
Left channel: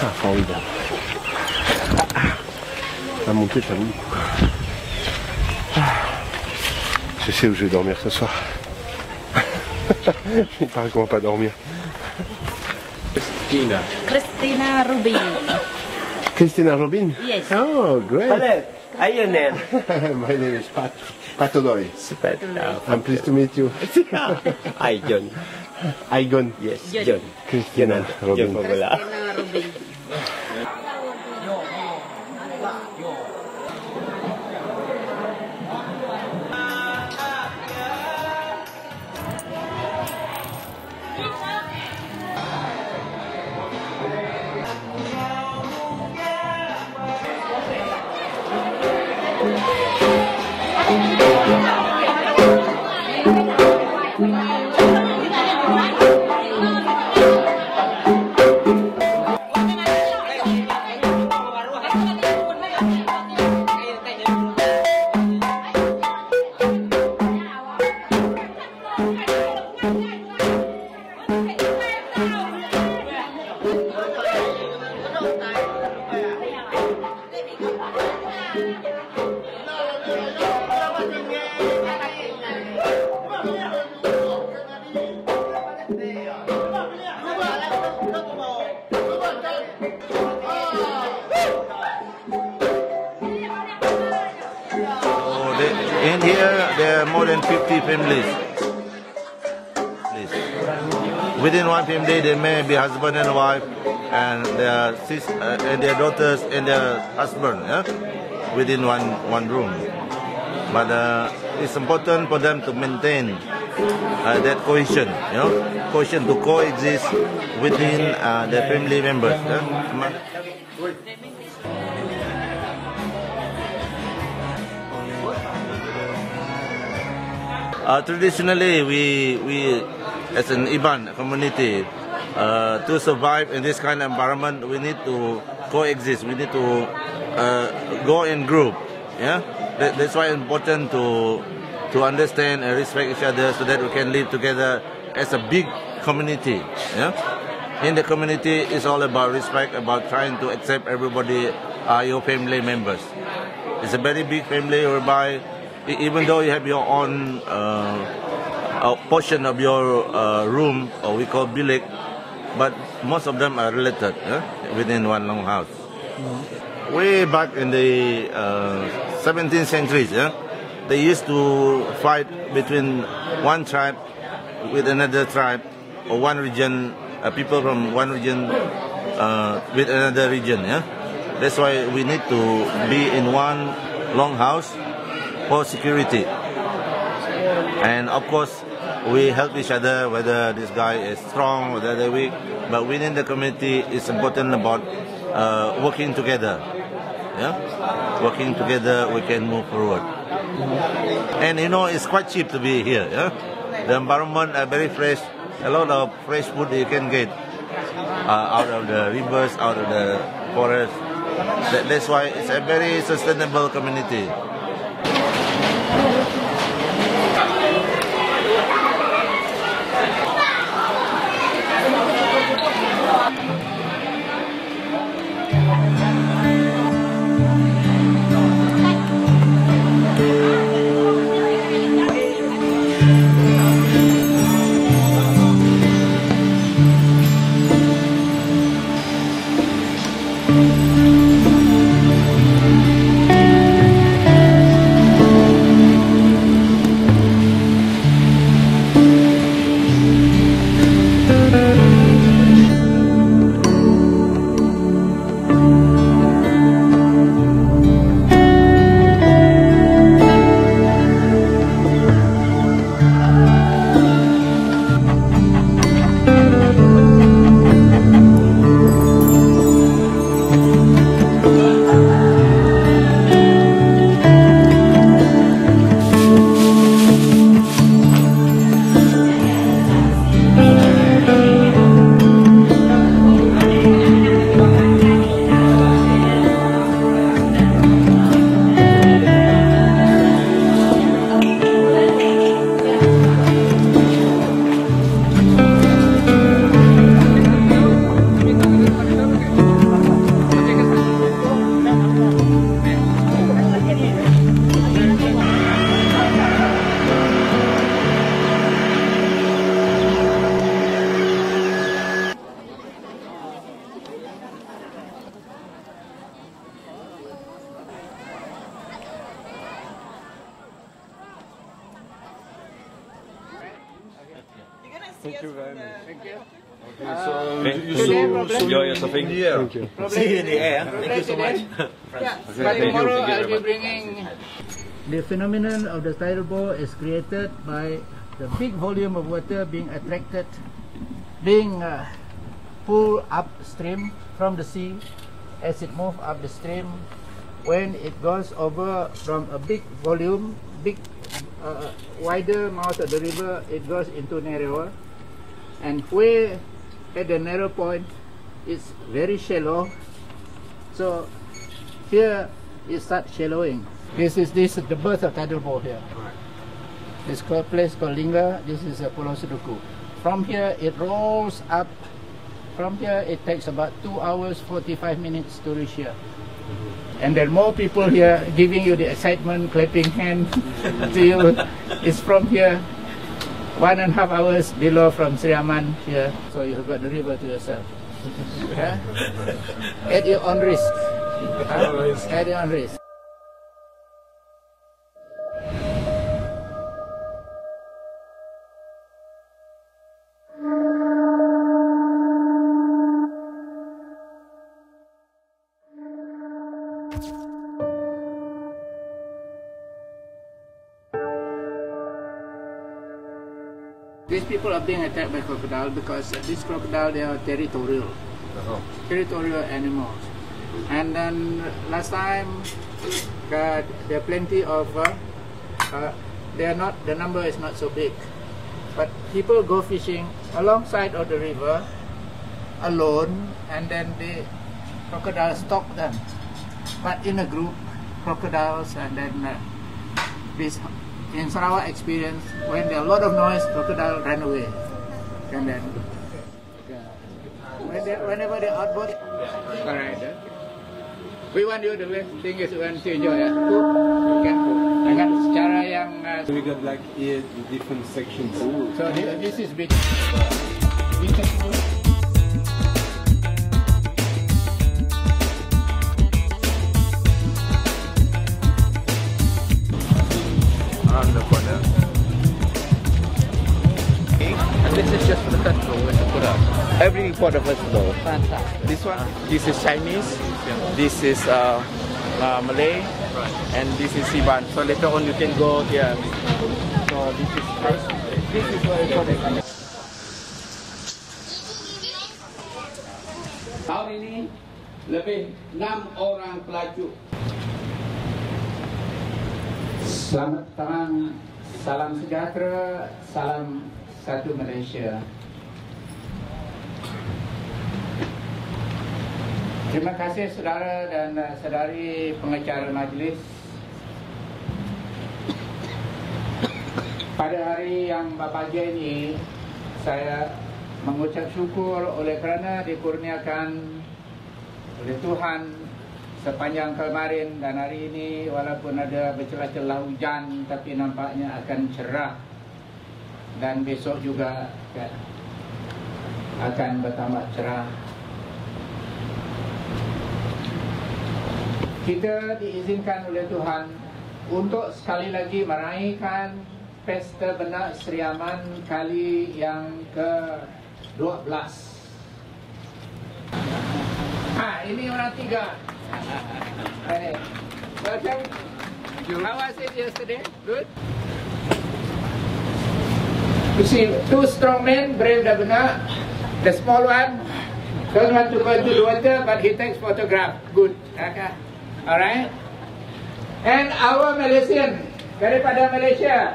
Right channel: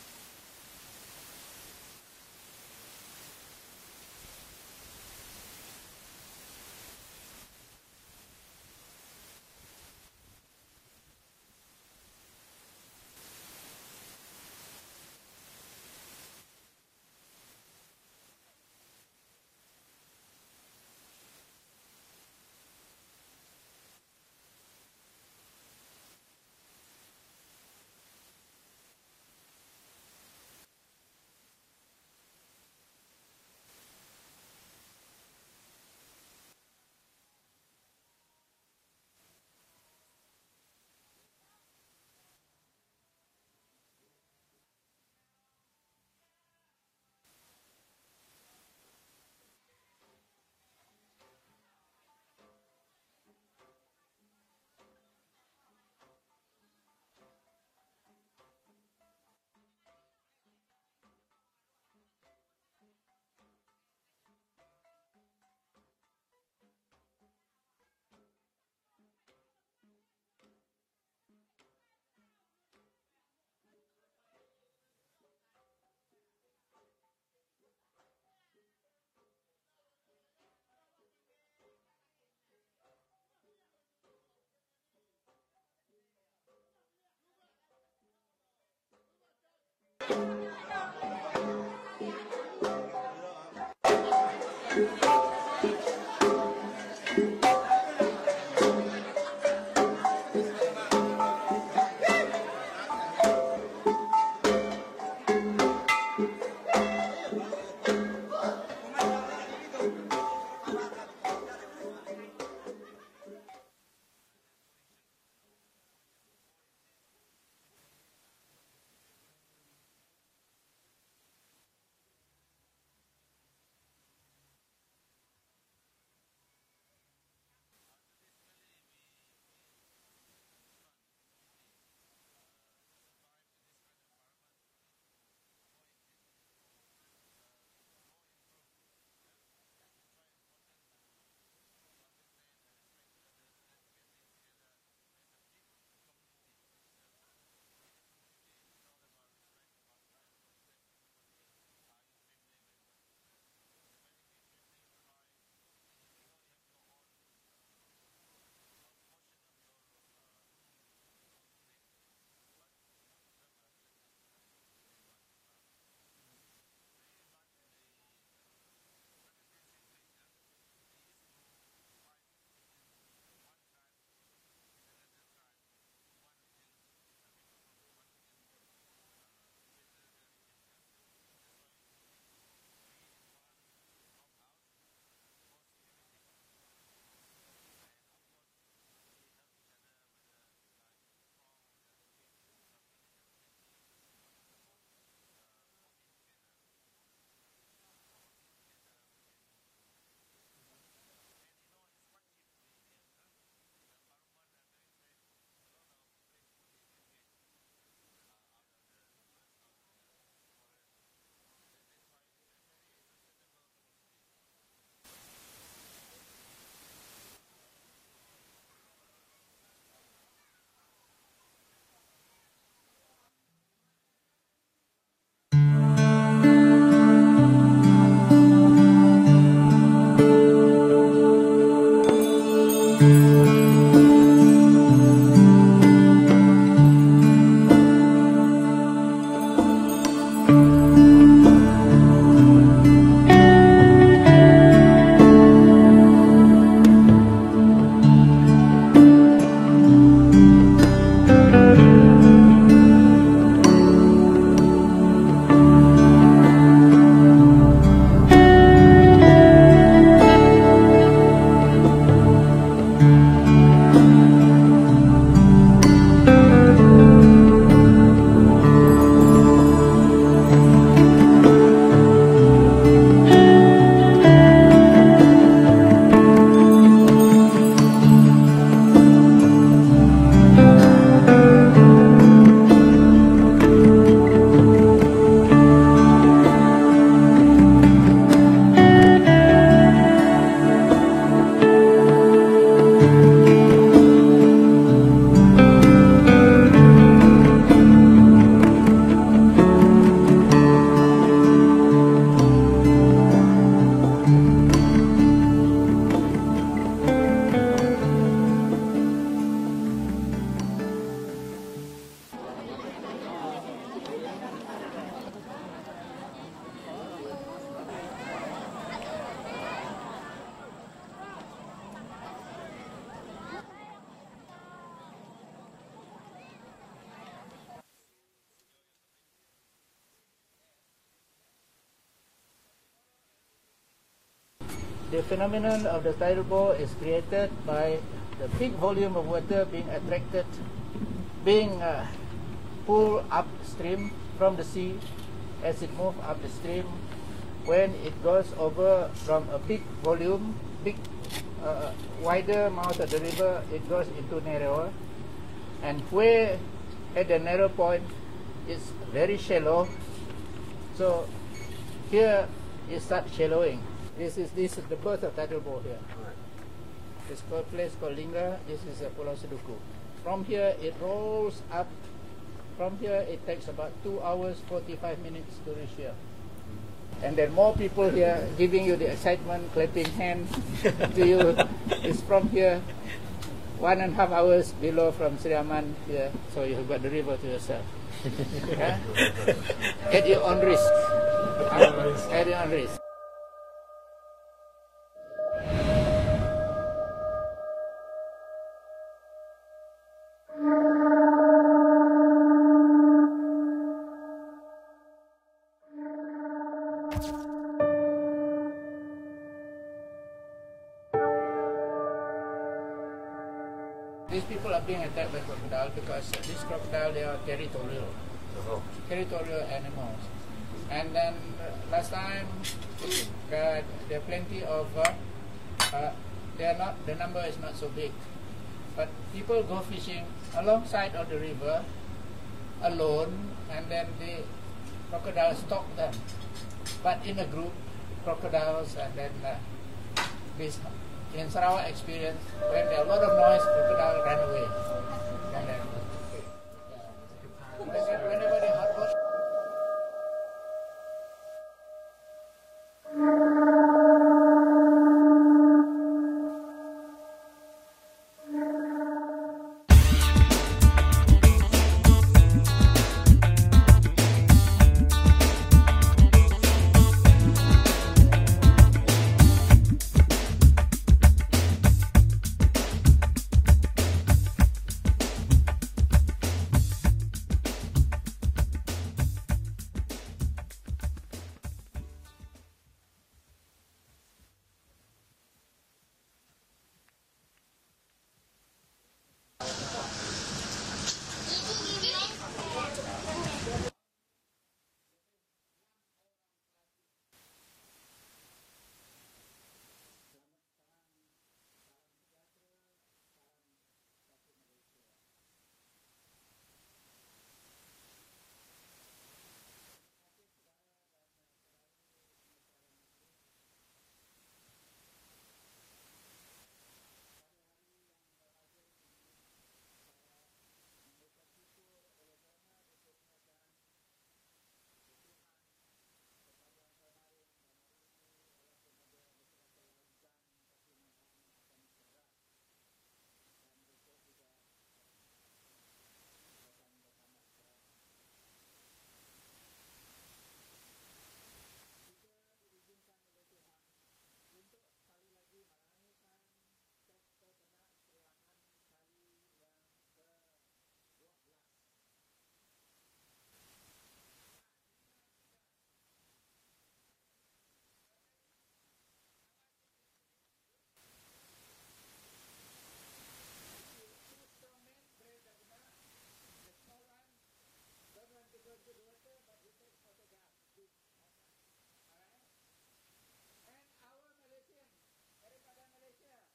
Ah, formidable. La montée, ça vaut le coup. Je sais où je vais dormir ce soir. Il paraît qu'on va pas dormir. Christina Rubin. Christina Rubin? Yes. Oh, great. Hello. How your name? My name is Pat Odori. Pat. I'm pleased to meet you. Hi, John. Igon. Yes, John. Christina Rubin. John Pagula. Christina Rubin. In here, there are more than 50 families. Within one family, there may be husband and wife, and their and their daughters and their husband, yeah? Within one room. But it's important for them to maintain that cohesion, you know, cohesion to coexist within their family members. Yeah? Traditionally, we as an Iban community, to survive in this kind of environment, we need to coexist. We need to go in group. Yeah, that's why it's important to understand and respect each other, so that we can live together as a big community. Yeah, in the community, it's all about respect, about trying to accept everybody, your family members. It's a very big family whereby, even though you have your own portion of your room, or we call bilik, but most of them are related, within one long house. Way back in the 17th century, they used to fight between one tribe with another tribe, or one region, people from one region with another region. That's why we need to be in one long house for security. And of course, we help each other, whether this guy is strong, whether they're weak. But within the community, it's important about working together. Yeah, working together, we can move forward. And you know, it's quite cheap to be here. Yeah, the environment are very fresh. A lot of fresh food you can get out of the rivers, out of the forest. That's why it's a very sustainable community. Thank you very much. Thank you. Enjoy your surfing. Thank you. See you in the air. Thank you so much. Yeah, but tomorrow I'll be bringing... The phenomenon of the tidal bore is created by the big volume of water being attracted, being pulled upstream from the sea as it moves up the stream. When it goes over from a big volume, wider mouth of the river, it goes into narrower, and where at the narrow point it's very shallow, so here it starts shallowing. This is the birth of tidal bore here. This place called Lingga. This is Pulau Seduku. From here it rolls up. From here it takes about 2 hours 45 minutes to reach here. And then more people here giving you the excitement, clapping hands to you. It's from here, 1.5 hours below from Sriaman here. So you've got the river to yourself. At your own risk. At your own risk. These people are being attacked by crocodile because these crocodile, they are territorial, territorial animals. And then last time there are plenty of, they are not, the number is not so big, but people go fishing alongside of the river alone, and then the crocodiles stalk them. But in a group, crocodiles, and then this. In Sarawak experience, when there are a lot of noise, crocodile run away. And then, whenever they outboard, alright. We want you, the thing is, we want to enjoy it. Dengan secara yang. We got like 8 different sections. So this is big. Every port of vegetable. Fantastic. This one, this is Chinese, this is Malay, and this is Siban. So later on you can go here. So this is first. This is very important. Tahun ini lebih 6 orang pelaju. Selamat datang, salam sejahtera, salam satu Malaysia. Terima kasih saudara dan saudari pengacara majlis. Pada hari yang berbahagia ini, saya mengucap syukur oleh kerana dikurniakan oleh Tuhan sepanjang kemarin dan hari ini, walaupun ada bercelah-celah hujan, tapi nampaknya akan cerah, dan besok juga akan bertambah cerah. Kita diizinkan oleh Tuhan untuk sekali lagi meraihkan Pesta Benak Sriaman kali yang ke-12. Ini orang 3. Welcome. How was it yesterday? Good? You see, 2 strong men brave the benak. The small one don't want to go into the water, but he takes photograph. Good. Okay. Alright. And our Malaysian daripada Malaysia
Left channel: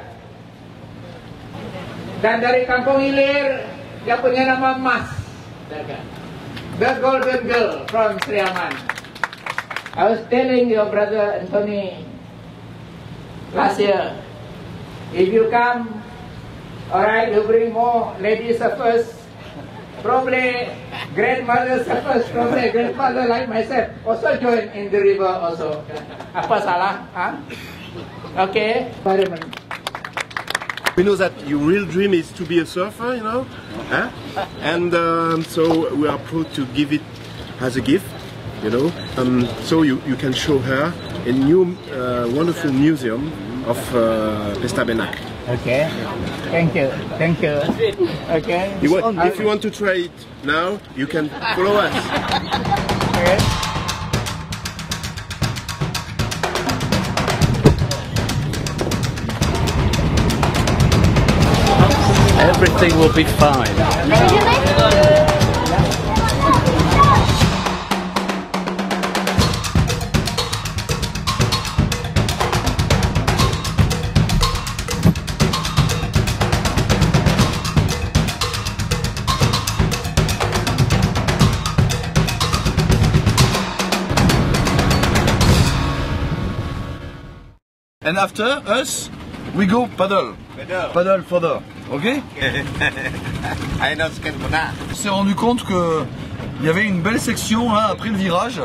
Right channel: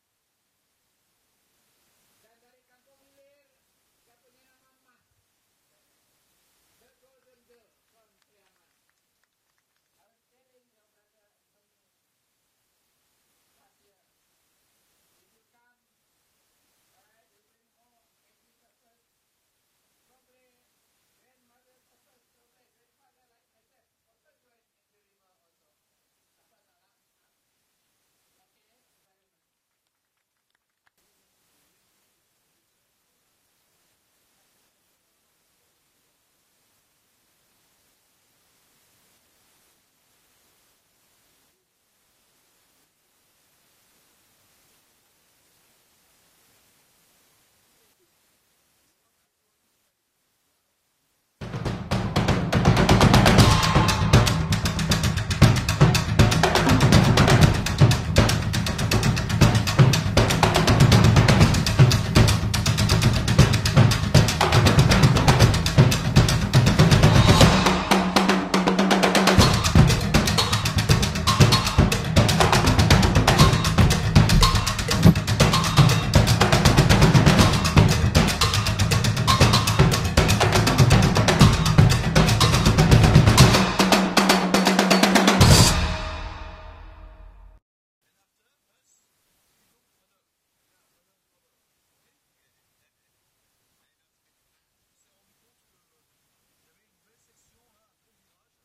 dan dari Kampung Ilir, dia punya nama Mas. The Golden Girl from Sriaman. I was telling your brother Anthony last year, if you come, alright, you bring more ladies first. Probably grandmother suffers, probably grandmother like myself also join in the river also. Apa salah? Huh? Okay. We know that your real dream is to be a surfer, you know, and so we are proud to give it as a gift, you know. So you can show her a new wonderful museum of Pesta Benak. Okay. Thank you. Thank you. Okay. If you want to try it now, you can follow us. Everything will be fine. And after us, we go paddle. Paddle further. Ok? On s'est rendu compte que il y avait une belle section là, après le virage,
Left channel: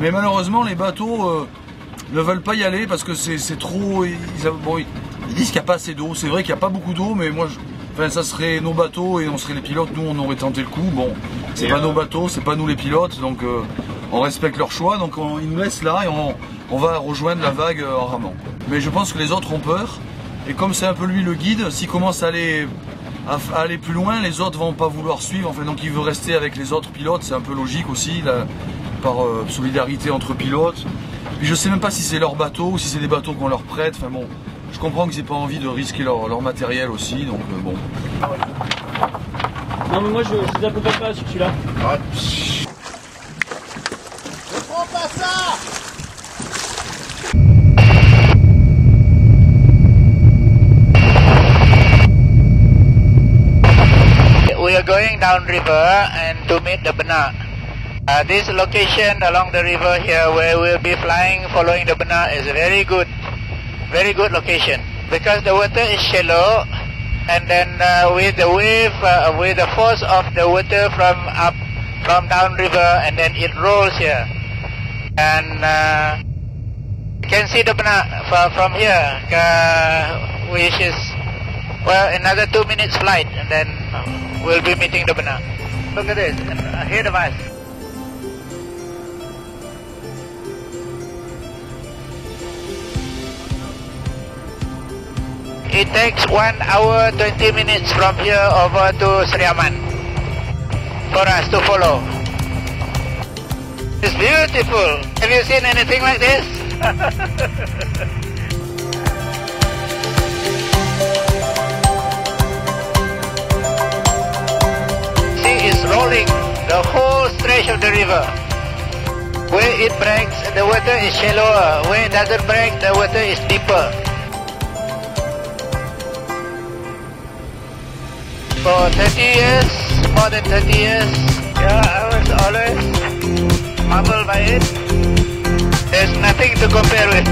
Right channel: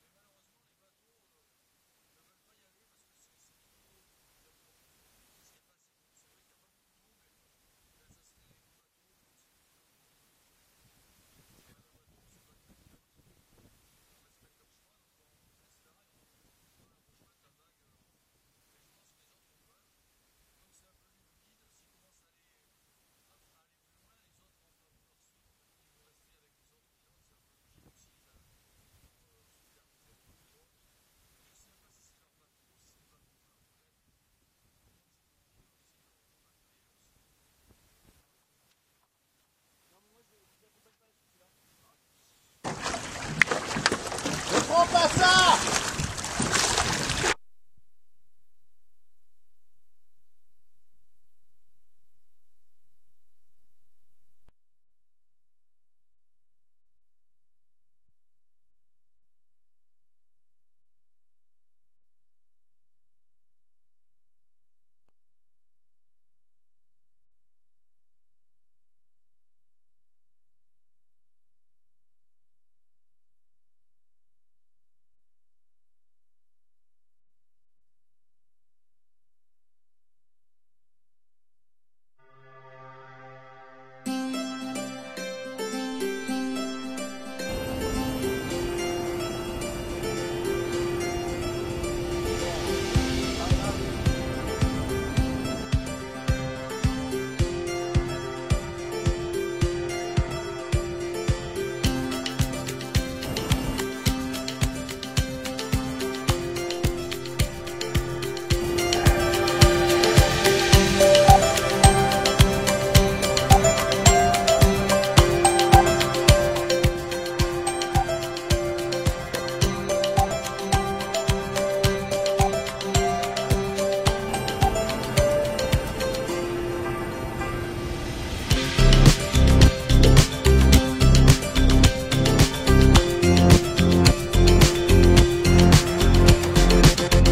mais malheureusement les bateaux ne veulent pas y aller parce que c'est trop. Ils disent qu'il n'y a pas assez d'eau. C'est vrai qu'il n'y a pas beaucoup d'eau, mais moi, ça serait nos bateaux et on serait les pilotes. Nous, on aurait tenté le coup. Bon, c'est pas nos bateaux, c'est pas nous les pilotes, donc on respecte leur choix. Donc ils nous laissent là et on va rejoindre la vague en ramant. Mais je pense que les autres ont peur. Et comme c'est un peu lui le guide, s'il commence à aller plus loin, les autres vont pas vouloir suivre. Enfin, donc il veut rester avec les autres pilotes, c'est un peu logique aussi, là, par solidarité entre pilotes. Puis je sais même pas si c'est leur bateau ou si c'est des bateaux qu'on leur prête. Enfin bon, je comprends qu'ils n'aient pas envie de risquer leur matériel aussi, donc bon. Non mais moi je vous accompagne pas sur celui-là. Ne prends pas ça! We are going down river and to meet the Benak. This location along the river here where we'll be flying following the Benak is a very good location because the water is shallow and then with the wave, with the force of the water from down river and then it rolls here and you can see the Benak from here which is well another 2 minutes flight and then we'll be meeting the Benak. Look at this, ahead of us. It takes 1 hour 20 minutes from here over to Sriaman for us to follow. It's beautiful. Have you seen anything like this? The whole stretch of the river. Where it breaks, the water is shallower. Where it doesn't break, the water is deeper. For 30 years, more than 30 years, yeah, I was always marveled by it. There's nothing to compare with.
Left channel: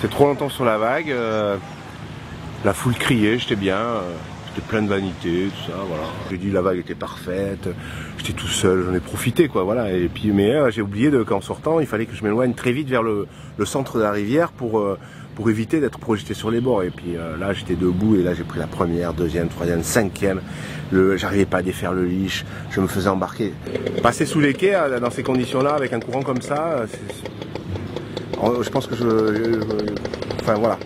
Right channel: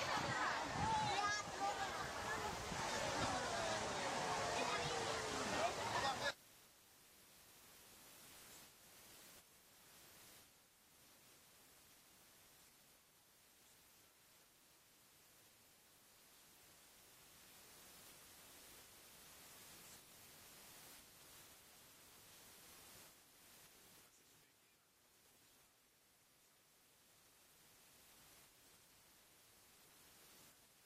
resté trop longtemps sur la vague. La foule criait, j'étais bien. J'étais plein de vanité, tout ça, voilà. J'ai dit la vague était parfaite, j'étais tout seul, j'en ai profité, quoi, voilà. Et puis, mais j'ai oublié qu'en sortant, il fallait que je m'éloigne très vite vers le centre de la rivière pour éviter d'être projeté sur les bords. Et puis là, j'étais debout et là, j'ai pris la première, deuxième, troisième, cinquième. J'arrivais pas à défaire le leash, je me faisais embarquer. Passer sous les quais dans ces conditions-là, avec un courant comme ça, je pense que enfin, voilà.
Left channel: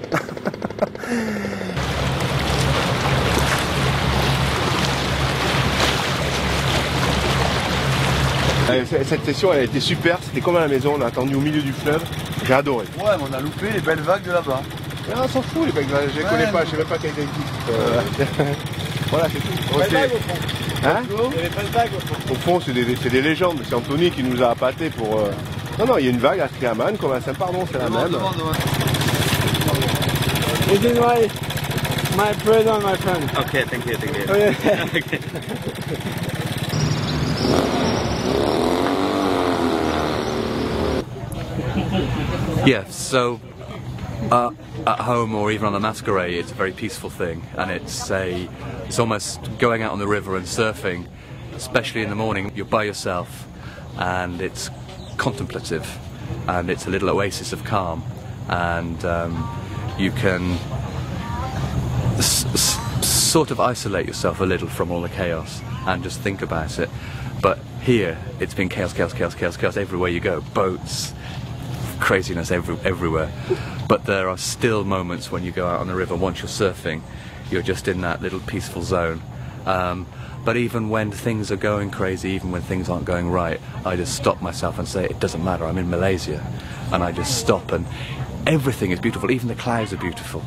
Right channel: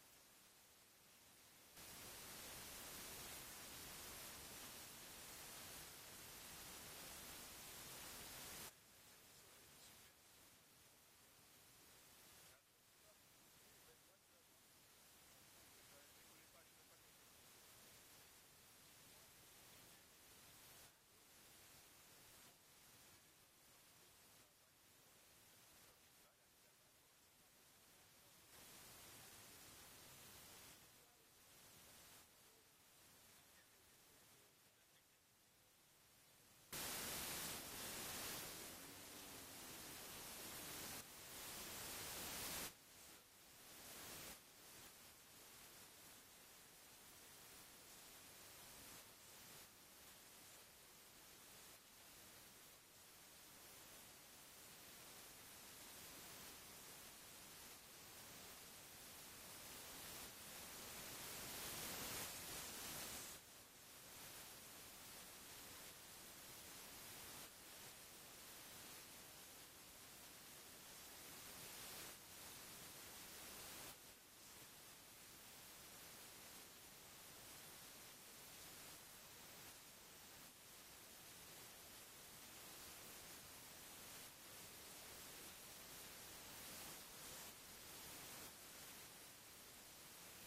Cette session elle a été super, c'était comme à la maison, on a attendu au milieu du fleuve, j'ai adoré. Ouais, mais on a loupé les belles vagues de là-bas. On s'en fout les vagues, je les connais pas, je sais même pas qu'elles existent. Voilà, c'est tout. Belle vague au fond. Hein? Il y avait pas de vague au fond. Au fond, c'est des légendes, c'est Anthony qui nous a appâtés pour... Non, il y a une vague à Triaman, comme à Saint-Pardon, c'est la même. This is my present, my friend. Okay, thank you. Okay. Yeah, so at home or even on a masquerade, it's a very peaceful thing, and it's almost going out on the river and surfing, especially in the morning. You're by yourself, and it's contemplative, and it's a little oasis of calm, and you can sort of isolate yourself a little from all the chaos and just think about it. But here, it's been chaos, chaos, chaos, chaos, chaos everywhere you go. Boats, craziness everywhere. But there are still moments when you go out on the river, once you're surfing, you're just in that little peaceful zone. But even when things are going crazy, even when things aren't going right, I just stop myself and say, it doesn't matter, I'm in Malaysia. And I just stop, and everything is beautiful, even the clouds are beautiful,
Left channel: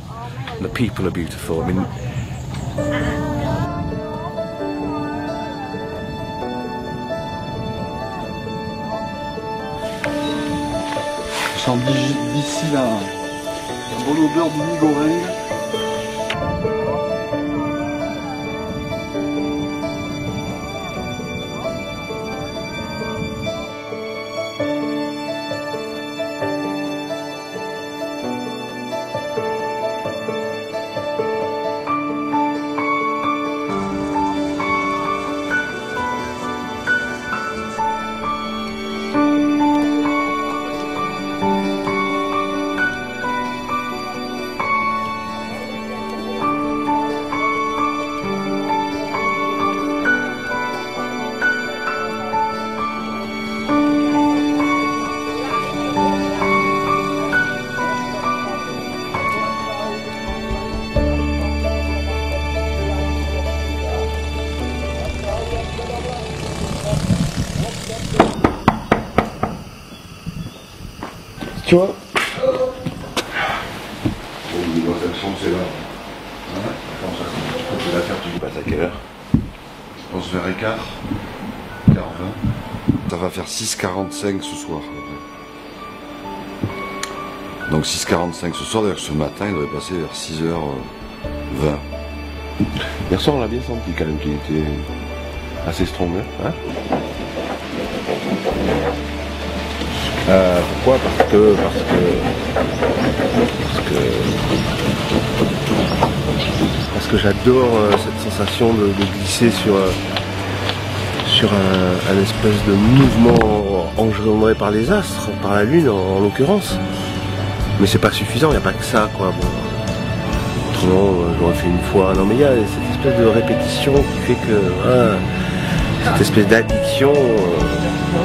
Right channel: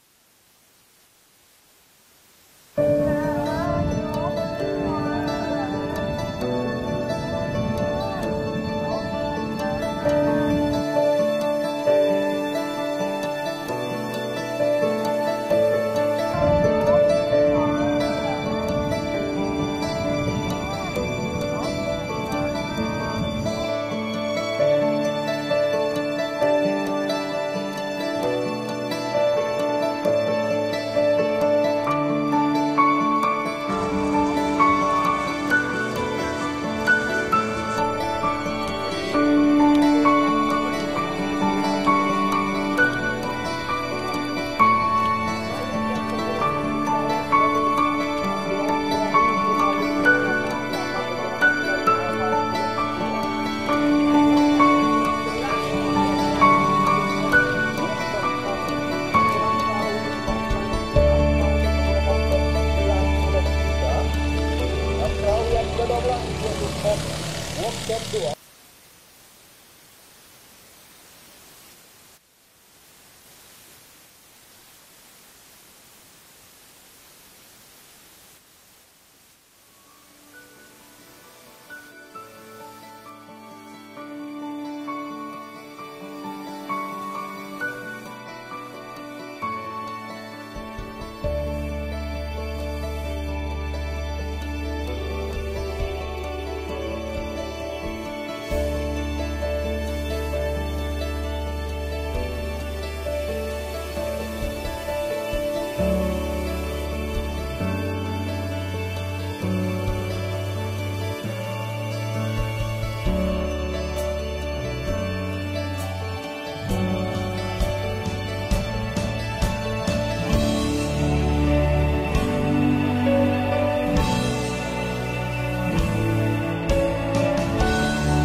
and the people are beautiful. I mean, D'ici là, sur l'odeur du migoré. Tu vois? C'est là. Tu peux la faire, tu passes à quelle heure? Je pense vers écart. 40. Ça va faire 6h45 ce soir. Donc 6h45 ce soir, d'ailleurs ce matin, il devrait passer vers 6h20. Hier soir on l'a bien senti quand même qu'il était assez strong, hein? Pourquoi? Parce que j'adore cette sensation de glisser sur un espèce de mouvement engendré par les astres, par la lune en l'occurrence. Mais c'est pas suffisant, il n'y a pas que ça, quoi. Bon. Autrement, j'aurais fait une fois. Non mais il y a cette espèce de répétition qui fait que cette espèce d'addiction.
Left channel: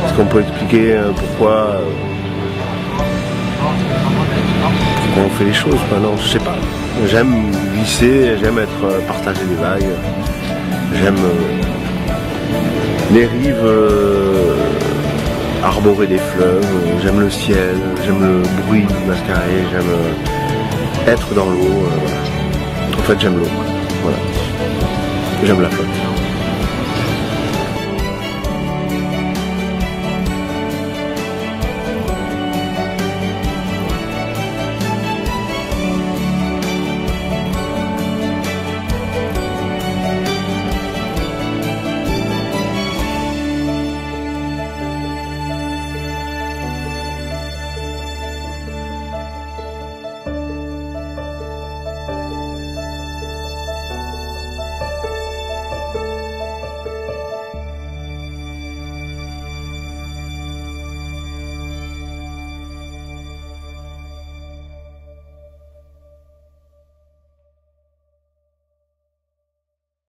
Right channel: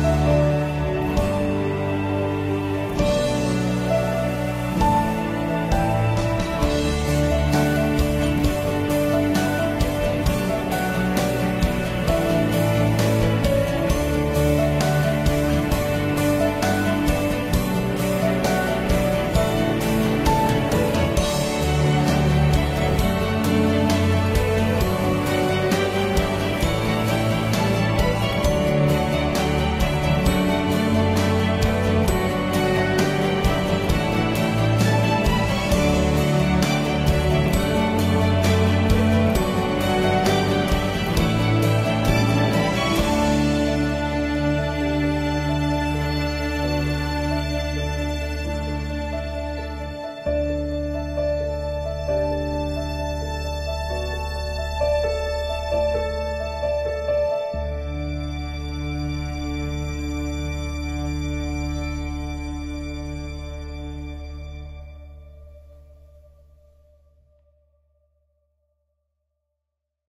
Est-ce qu'on peut expliquer pourquoi on fait les choses? Non, je sais pas. J'aime glisser, j'aime être partagé des vagues, j'aime les rives arborées des fleuves, j'aime le ciel, j'aime le bruit du mascaré, j'aime être dans l'eau. En fait, j'aime l'eau. Voilà. J'aime la fête.